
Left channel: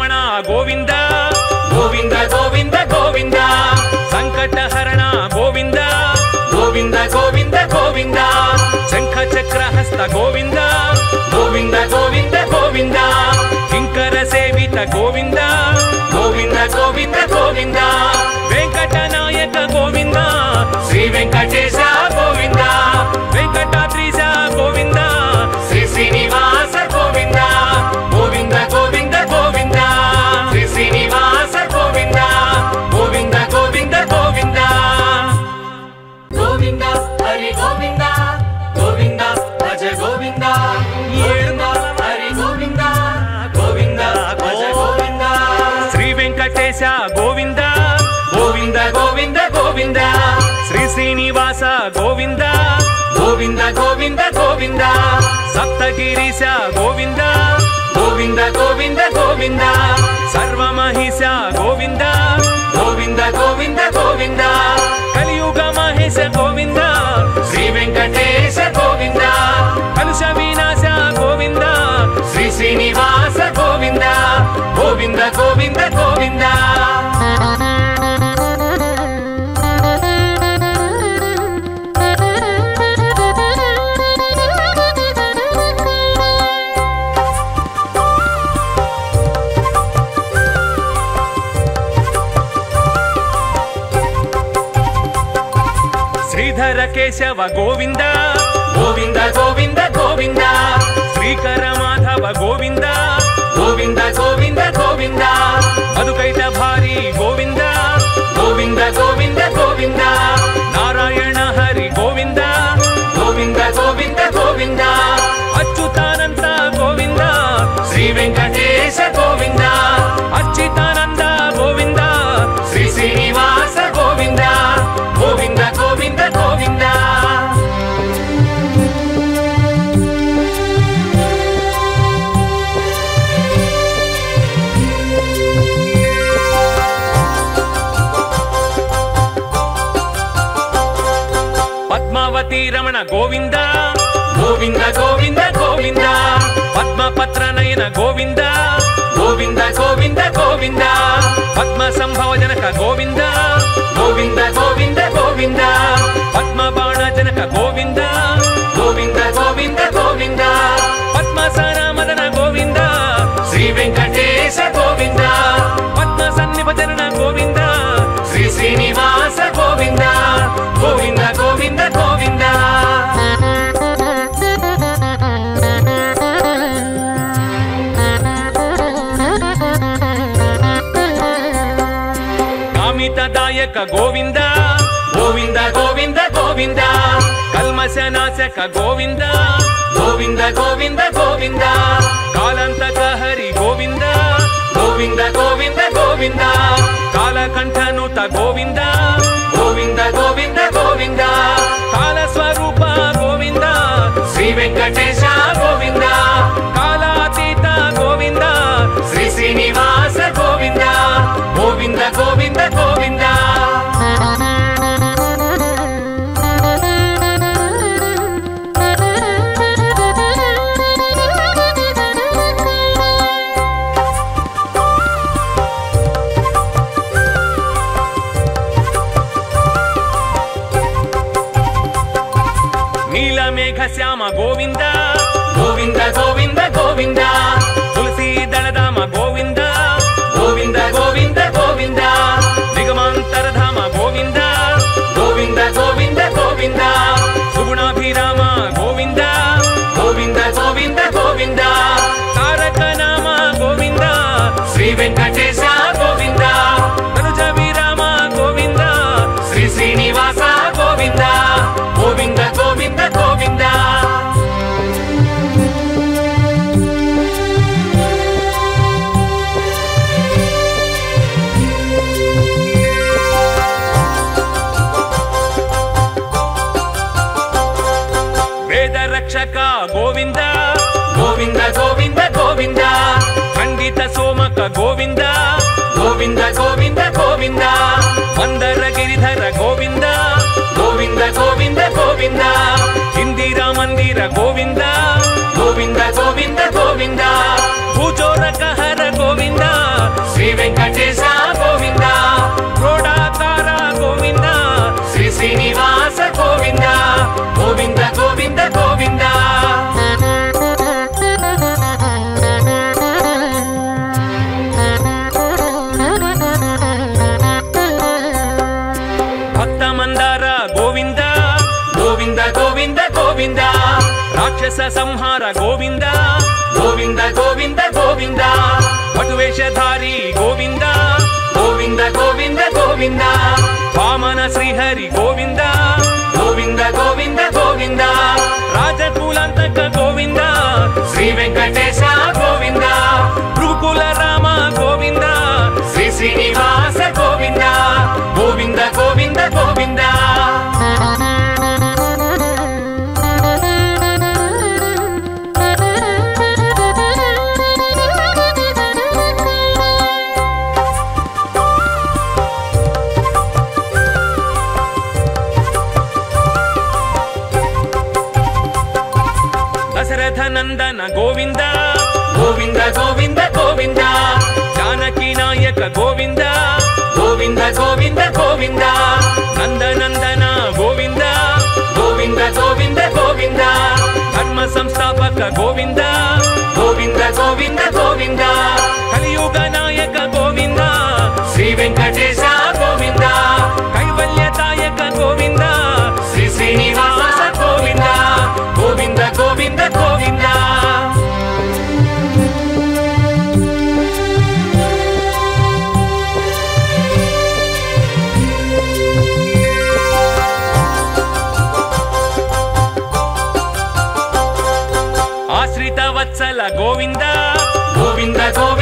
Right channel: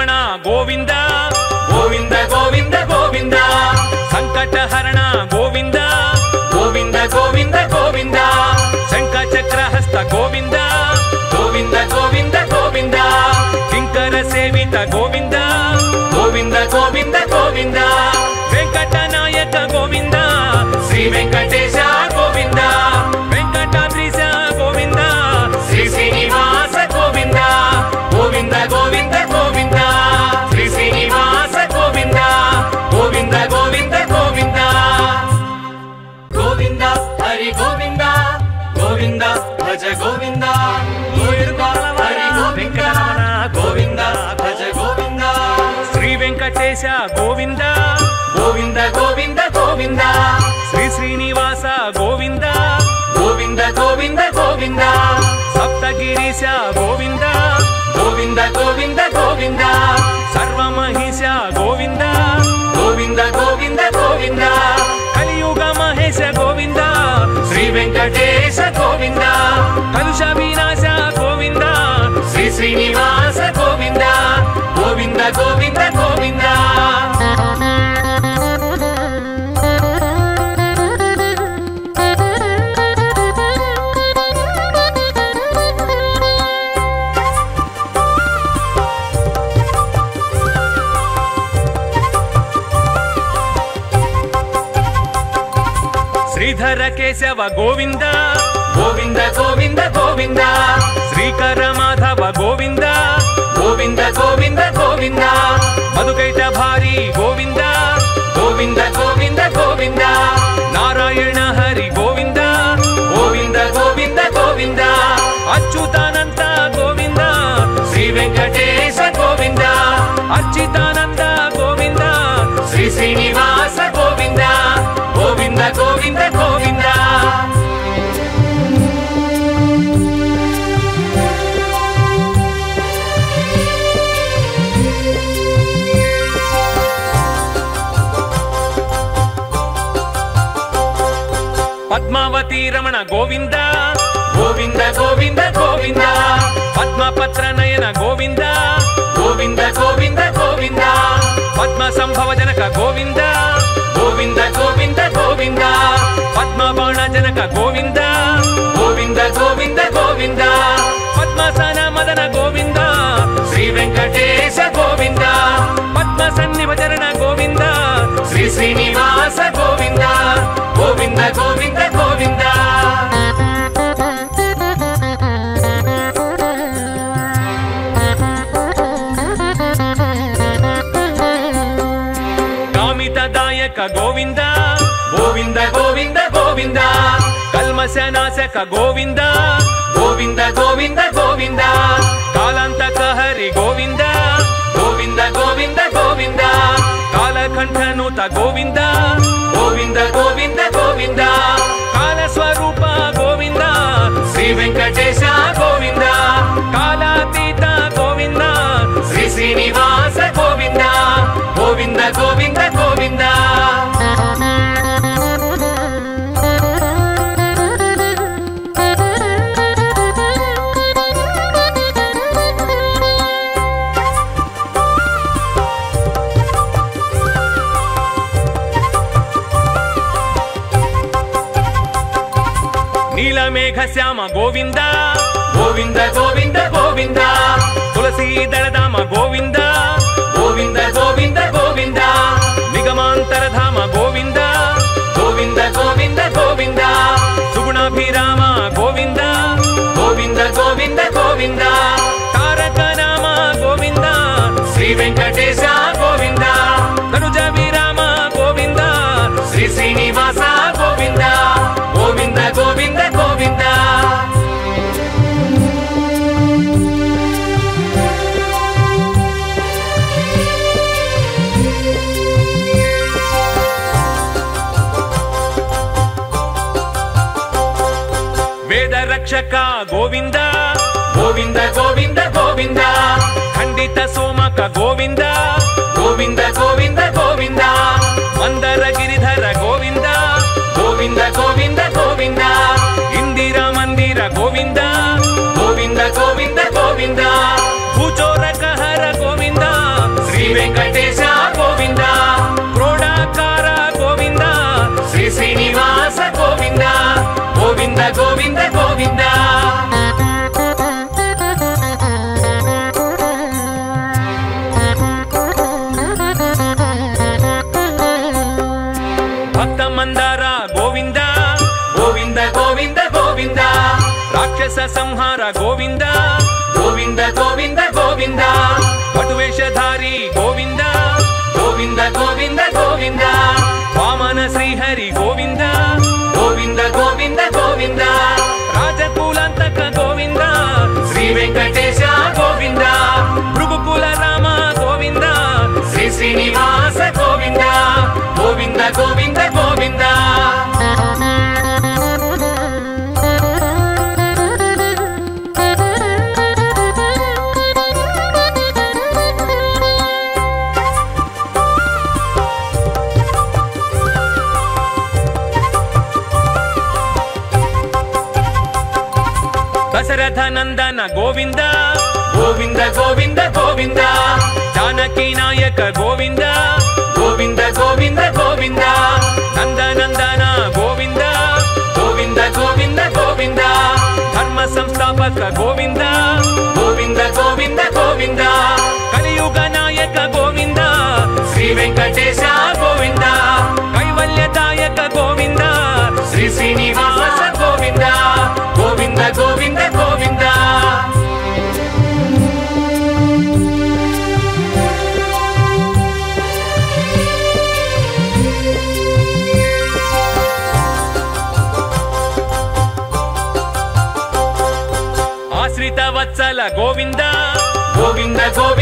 రమణ గోవింద గోవింద గోవింద గోవింద సంకటహరణ గోవింద గోవింద గోవింద గోవింద శంఖ చక్రహస్త గోవింద గోవింద గోవింద గోవింద కింకర సేవిత గోవింద గోవింద గోవింద గోవింద వెంకటనాయక గోవింద శ్రీ వెంకటేశ గోవింద వెంకటాద్రీశ గోవింద శ్రీ శ్రీనివాస గోవింద గోవింద గోవింద గోవింద శ్రీ శ్రీనివాస గోవింద గోవింద గోవింద గోవింద గోవింద హరి గోవింద గోవింద భజ గోవింద హరి గోవింద గోవింద భజ గోవింద శ్రీ వెంకటేశ గోవింద గోవింద గోవింద గోవింద శ్రీ శ్రీనివాస గోవింద గోవింద గోవింద గోవింద సప్తగిరీశ గోవింద గోవింద గోవింద గోవింద సర్వమహిష గోవింద గోవింద గోవింద గోవింద కలియుగ మహేశ గోవింద శ్రీ వెంకటేశ గోవింద కలుష వినాశ గోవింద శ్రీ శ్రీనివాస గోవింద గోవింద గోవింద గోవింద శ్రీధర కేశవ గోవింద గోవింద గోవింద గోవింద శ్రీకర మాధవ గోవింద గోవింద గోవింద గోవింద మధుకైట భారీ గోవింద గోవింద గోవింద గోవింద నారాయణ హరి గోవింద గోవింద గోవింద గోవింద అచ్యుతానంద గోవింద శ్రీ వెంకటేశ గోవింద అచ్యుతానంద గోవింద శ్రీ శ్రీనివాస గోవింద గోవింద గోవింద గోవింద పద్మావతి రమణ గోవింద గోవింద గోవింద గోవింద పద్మపత్ర నయన గోవింద గోవింద గోవింద గోవింద పద్మ సంభవ జనక గోవింద గోవింద గోవింద గోవింద పద్మ బాణ జనక గోవింద గోవింద గోవింద గోవింద పద్మసన మదన గోవింద శ్రీ వెంకటేశ గోవింద పద్మ సన్నిభజన గోవింద శ్రీ శ్రీనివాస గోవింద గోవింద గోవింద గోవింద కామితదాయక గోవింద గోవింద గోవింద గోవింద కల్మశనాశక గోవింద గోవింద గోవింద గోవింద కాలంతక హరి గోవింద గోవింద గోవింద గోవింద కాలకంఠనుత గోవింద గోవింద గోవింద గోవింద కాలస్వరూప గోవింద శ్రీ వెంకటేశ గోవింద కాలాతీత గోవింద శ్రీ శ్రీనివాస గోవింద గోవింద గోవింద గోవింద నీలమేఘ శ్యామ గోవింద గోవింద గోవింద గోవింద తులసీ దళధామ గోవింద గోవింద గోవింద గోవింద నిగమాంతరధామ గోవింద గోవింద గోవింద గోవింద సుగుణాభిరామ గోవింద గోవింద గోవింద గోవింద తారక నామ గోవింద శ్రీ వెంకటేశ గోవింద తనుజ విరామ గోవింద శ్రీ శ్రీనివాస గోవింద గోవింద గోవింద గోవింద వేద రక్షక గోవింద గోవింద గోవింద గోవింద ఖండిత సోమక గోవింద గోవింద గోవింద గోవింద మందర గిరిధర గోవింద గోవింద గోవింద గోవింద ఇందిరా మందిర గోవింద గోవింద గోవింద గోవింద భూచోరక హర గోవింద ಸಂಹಾರ ಗೋವಿಂದ ಗೋವಿಂದ ಗೋವಿಂದ ಗೋವಿಂದ ಪಟುವೇಷಧಾರಿ ಗೋವಿಂದ ಗೋವಿಂದ ಗೋವಿಂದ ಗೋವಿಂದ ವಾಮನ ಶ್ರೀಹರಿ ಗೋವಿಂದ ಗೋವಿಂದ ಗೋವಿಂದ ಗೋವಿಂದ ರಾಜಕುಲಾಂತಕ ಗೋವಿಂದ ಶ್ರೀ ವೆಂಕಟೇಶ ಗೋವಿಂದ ಭೃಗುಕುಲ ರಾಮ ಗೋವಿಂದ ಶ್ರೀ ಶ್ರೀನಿವಾಸ ಗೋವಿಂದ ಗೋವಿಂದ ಗೋವಿಂದ ಗೋವಿಂದ ದಶರಥ ನಂದನ ಗೋವಿಂದ ಗೋವಿಂದ ಗೋವಿಂದ ಗೋವಿಂದ ಜಾನಕಿ ನಾಯಕ ಗೋವಿಂದ ಗೋವಿಂದ ಗೋವಿಂದ ಗೋವಿಂದ ನಂದನಂದನ ಗೋವಿಂದ ಗೋವಿಂದ ಗೋವಿಂದ ಗೋವಿಂದ ಧರ್ಮ ಸಂಸ್ಥಾಪಕ ಗೋವಿಂದ ಗೋವಿಂದ ಗೋವಿಂದ ಗೋವಿಂದ ಕಲಿಯುಗ ನಾಯಕ ಗೋವಿಂದ ಶ್ರೀ ವೆಂಕಟೇಶ ಗೋವಿಂದ ಕೈವಲ್ಯದಾಯಕ ಗೋವಿಂದ ಶ್ರೀ ಶ್ರೀನಿವಾಸ ಗೋವಿಂದ ಗೋವಿಂದ ಗೋವಿಂದ ಗೋವಿಂದ ಆಶ್ರಿತ ವತ್ಸಲ ಗೋವಿಂದ ಗೋವಿಂದ ಗೋವಿಂದ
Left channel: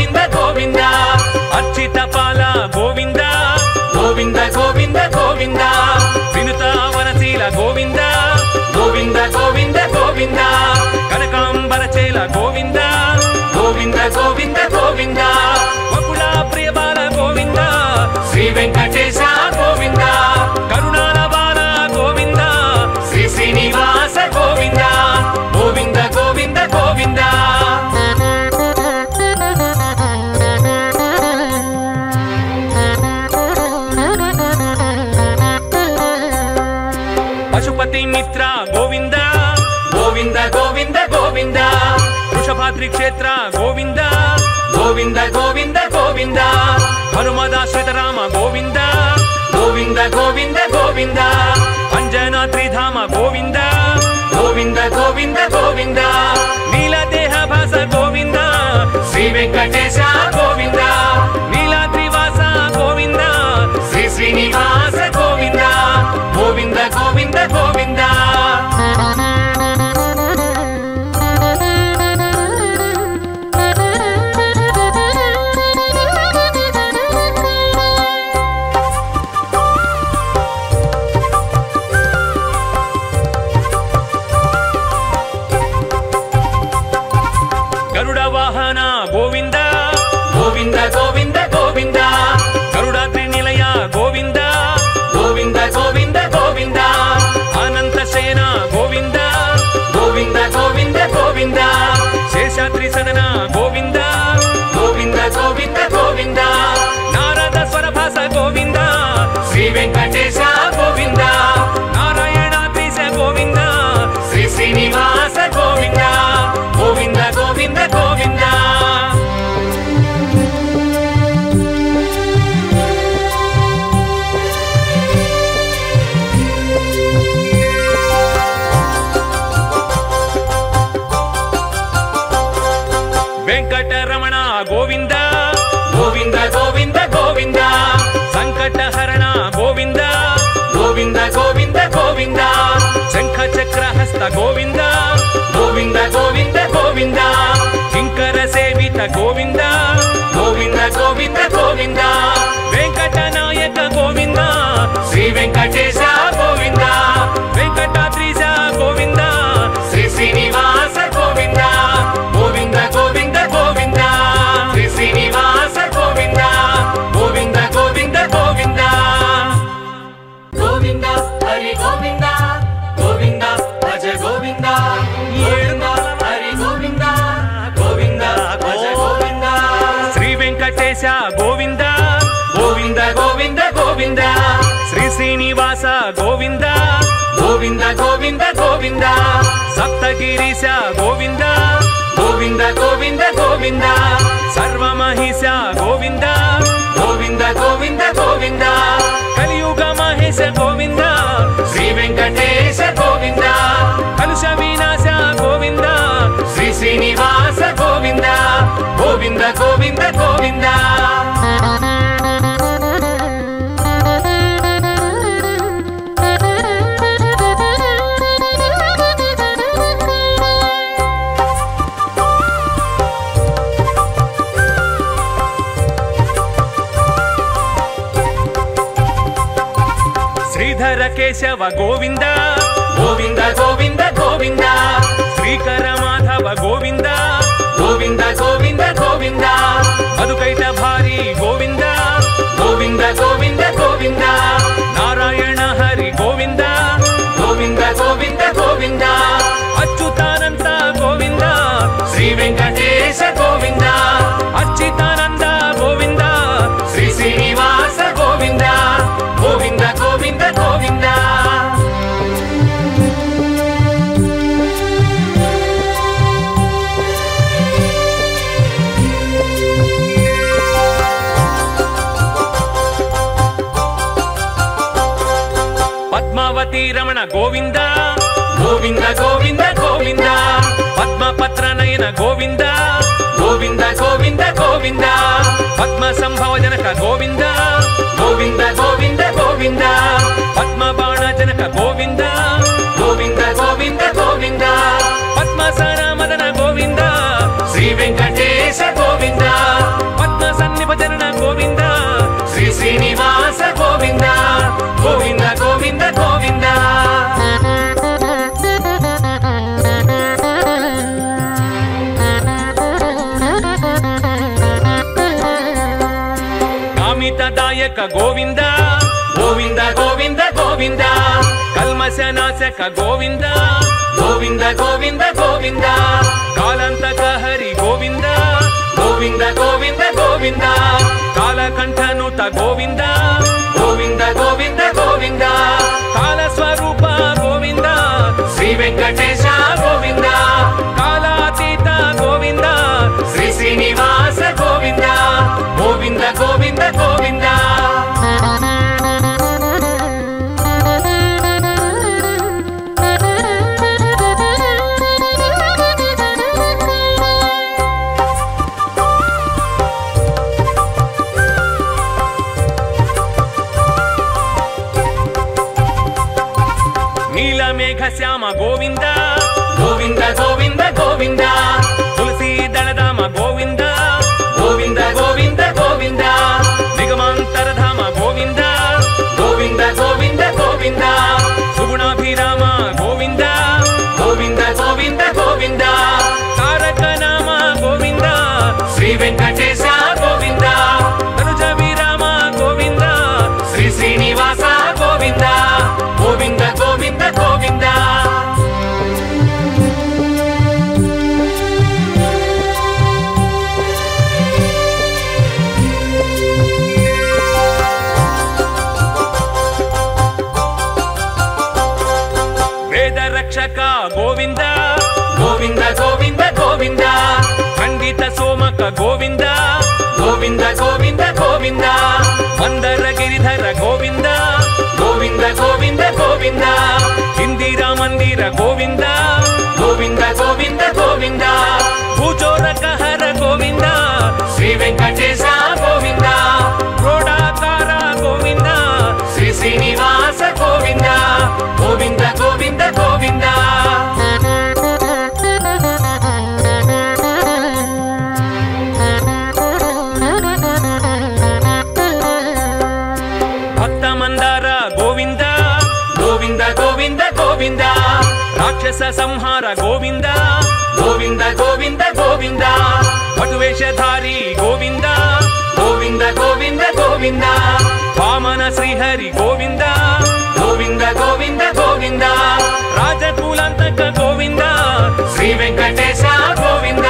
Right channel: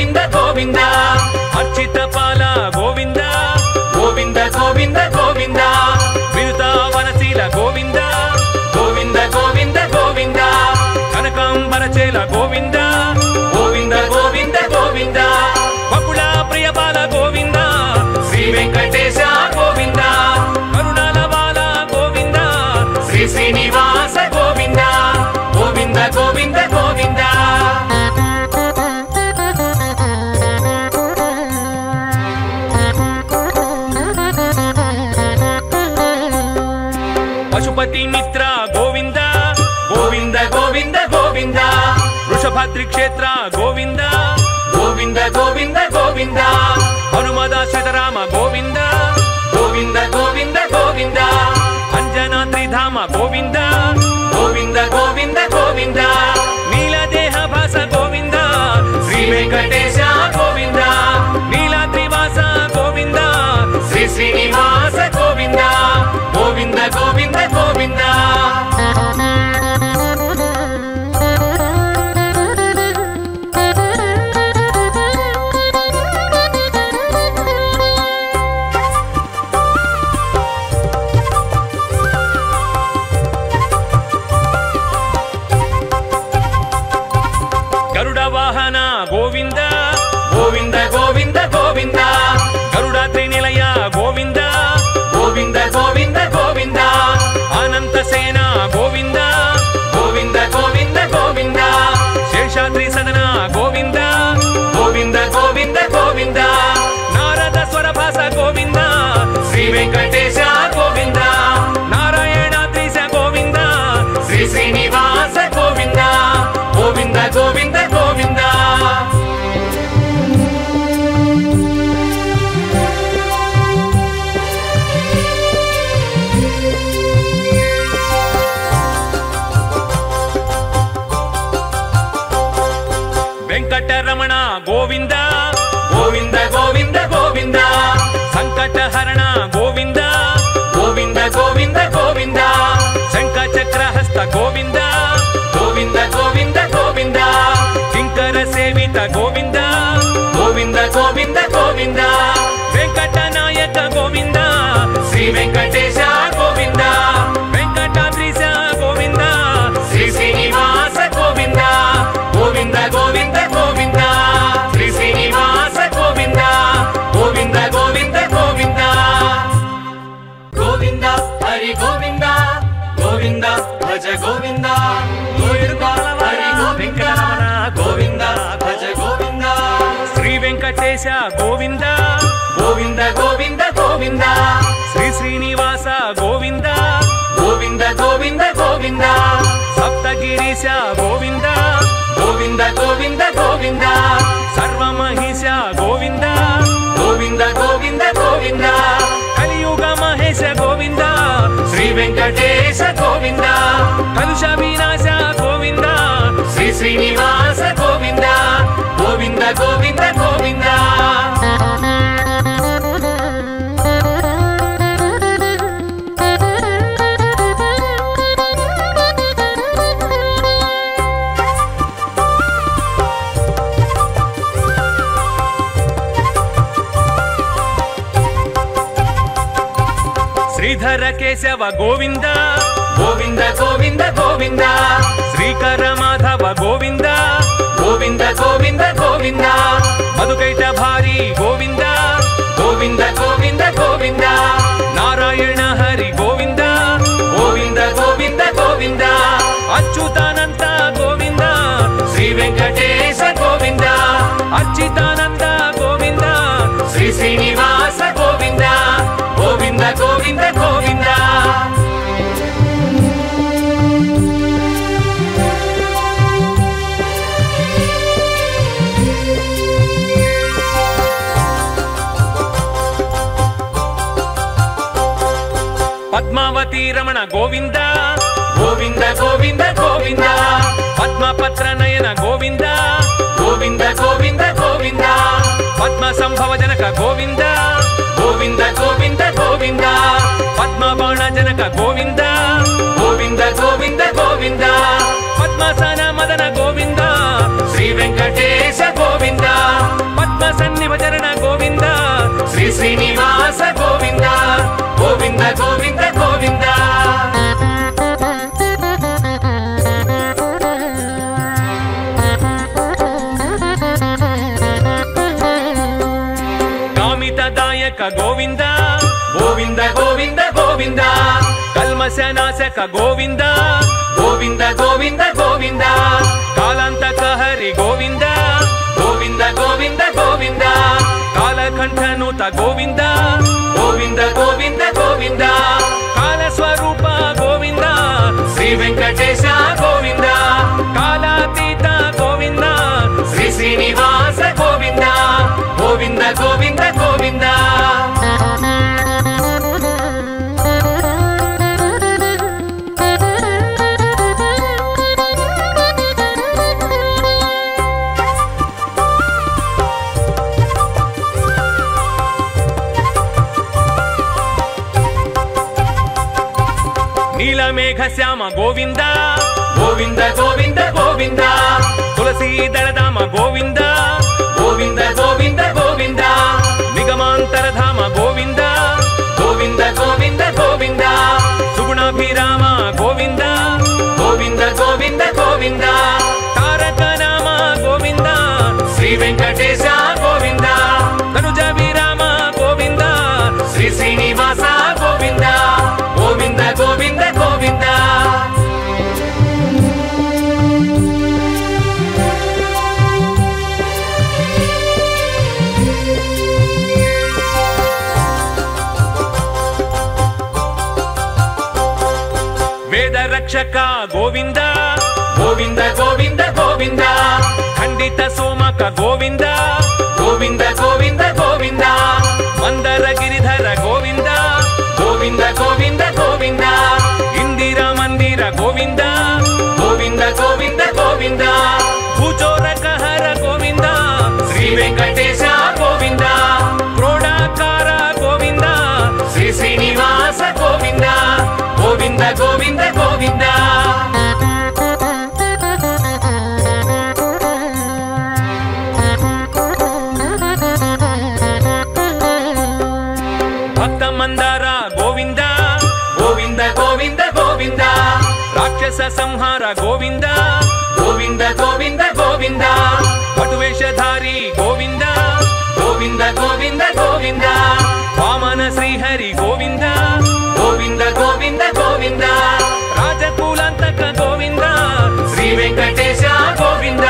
గోవింద గోవింద గోవింద గోవింద శ్రీకర మాధవ గోవింద గోవింద గోవింద గోవింద మధుకైట భారీ గోవింద గోవింద గోవింద గోవింద నారాయణ హరి గోవింద గోవింద గోవింద గోవింద అచ్యుతానంద గోవింద శ్రీ వెంకటేశ గోవింద అచ్యుతానంద గోవింద శ్రీ శ్రీనివాస గోవింద గోవింద గోవింద గోవింద పద్మావతి రమణ గోవింద గోవింద గోవింద గోవింద పద్మపత్ర నయన గోవింద గోవింద గోవింద గోవింద పద్మ సంభవ జనక గోవింద గోవింద గోవింద గోవింద పద్మబాణ జనక గోవింద గోవింద గోవింద గోవింద పద్మసన మదన గోవింద శ్రీ వెంకటేశ గోవింద పద్మ సన్నిభజన గోవింద శ్రీ శ్రీనివాస గోవింద గోవింద గోవింద గోవింద కామితదాయక గోవింద గోవింద గోవింద గోవింద కల్మశనాశక గోవింద గోవింద గోవింద గోవింద కాలంతక హరి గోవింద గోవింద గోవింద గోవింద కాలకంఠనుత గోవింద గోవింద గోవింద గోవింద కాలస్వరూప గోవింద శ్రీ వెంకటేశ గోవింద కాలాతీత గోవింద శ్రీ శ్రీనివాస గోవింద గోవింద గోవింద గోవింద నీలమేఘ శ్యామ గోవింద గోవింద గోవింద గోవింద తులసీ దళధామ గోవింద గోవింద గోవింద గోవింద నిగమాంతరధామ గోవింద గోవింద గోవింద గోవింద సుగుణాభిరామ గోవింద గోవింద గోవింద గోవింద తారక నామ గోవింద శ్రీ వెంకటేశ గోవింద తనుజ విరామ గోవింద శ్రీ శ్రీనివాస గోవింద గోవింద గోవింద గోవింద వేద రక్షక గోవింద గోవింద గోవింద గోవింద ఖండిత సోమక గోవింద గోవింద గోవింద గోవింద మందర గిరిధర గోవింద గోవింద గోవింద గోవింద ఇందిరా మందిర గోవింద గోవింద గోవింద గోవింద భూచోరక హర గోవింద శ్రీ వెంకటేశ గోవింద క్రోడాకార గోవింద శ్రీ శ్రీనివాస గోవింద గోవింద గోవింద గోవింద భక్త మందార గోవింద గోవింద గోవింద గోవింద రాక్షస సంహార గోవింద గోవింద గోవింద గోవింద పటువేషధారి గోవింద గోవింద గోవింద గోవింద వామన శ్రీహరి గోవింద గోవింద గోవింద గోవింద రాజకులంతక గోవింద శ్రీ వెంకటేశ గోవింద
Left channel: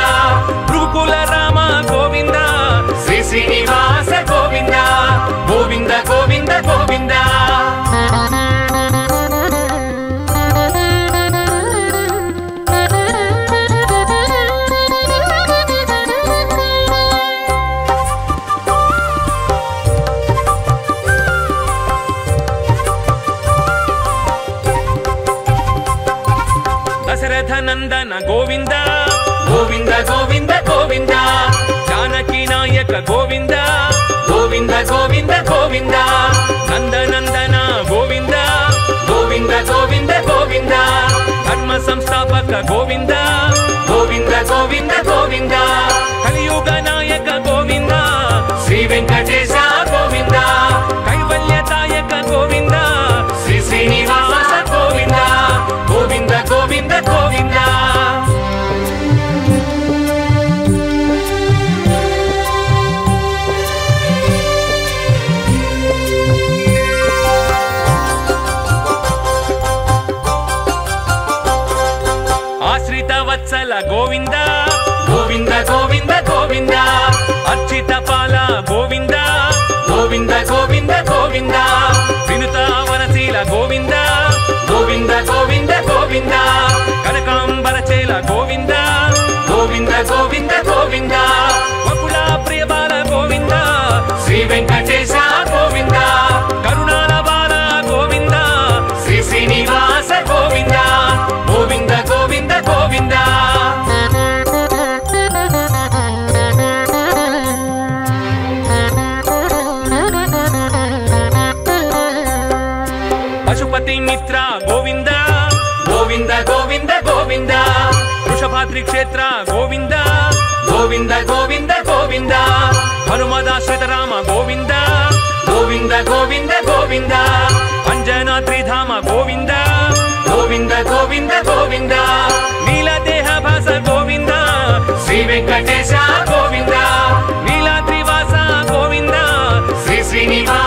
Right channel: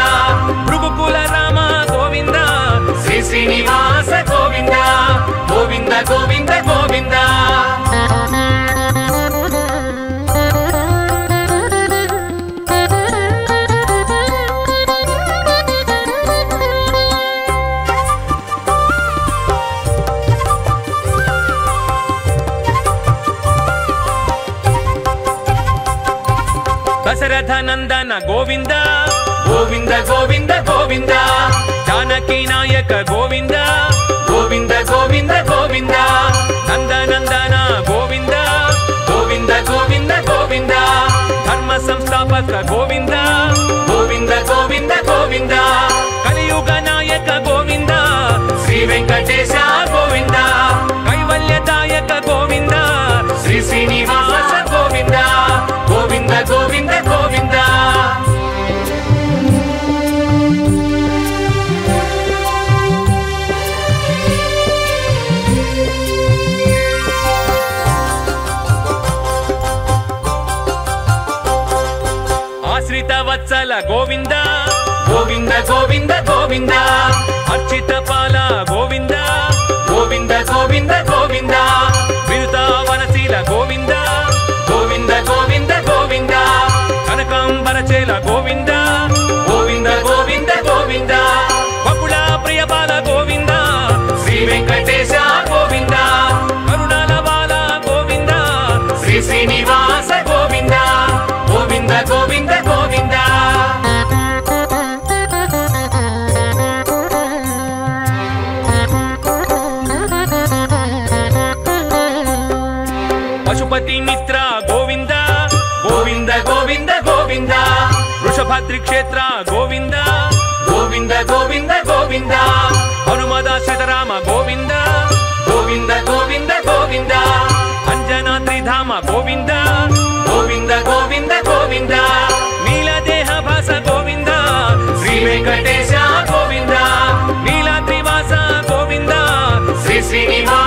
భృగుకుల రామ గోవింద శ్రీ శ్రీనివాస గోవింద గోవింద గోవింద గోవింద దశరథ నందన గోవింద గోవింద గోవింద గోవింద జానకి నాయక గోవింద గోవింద గోవింద గోవింద నందనందన గోవింద గోవింద గోవింద గోవింద ధర్మ సంస్థాపక గోవింద గోవింద గోవింద గోవింద కలియుగ నాయక గోవింద శ్రీ వెంకటేశ గోవింద కైవల్యదాయక గోవింద శ్రీ శ్రీనివాస శ్రీనివాస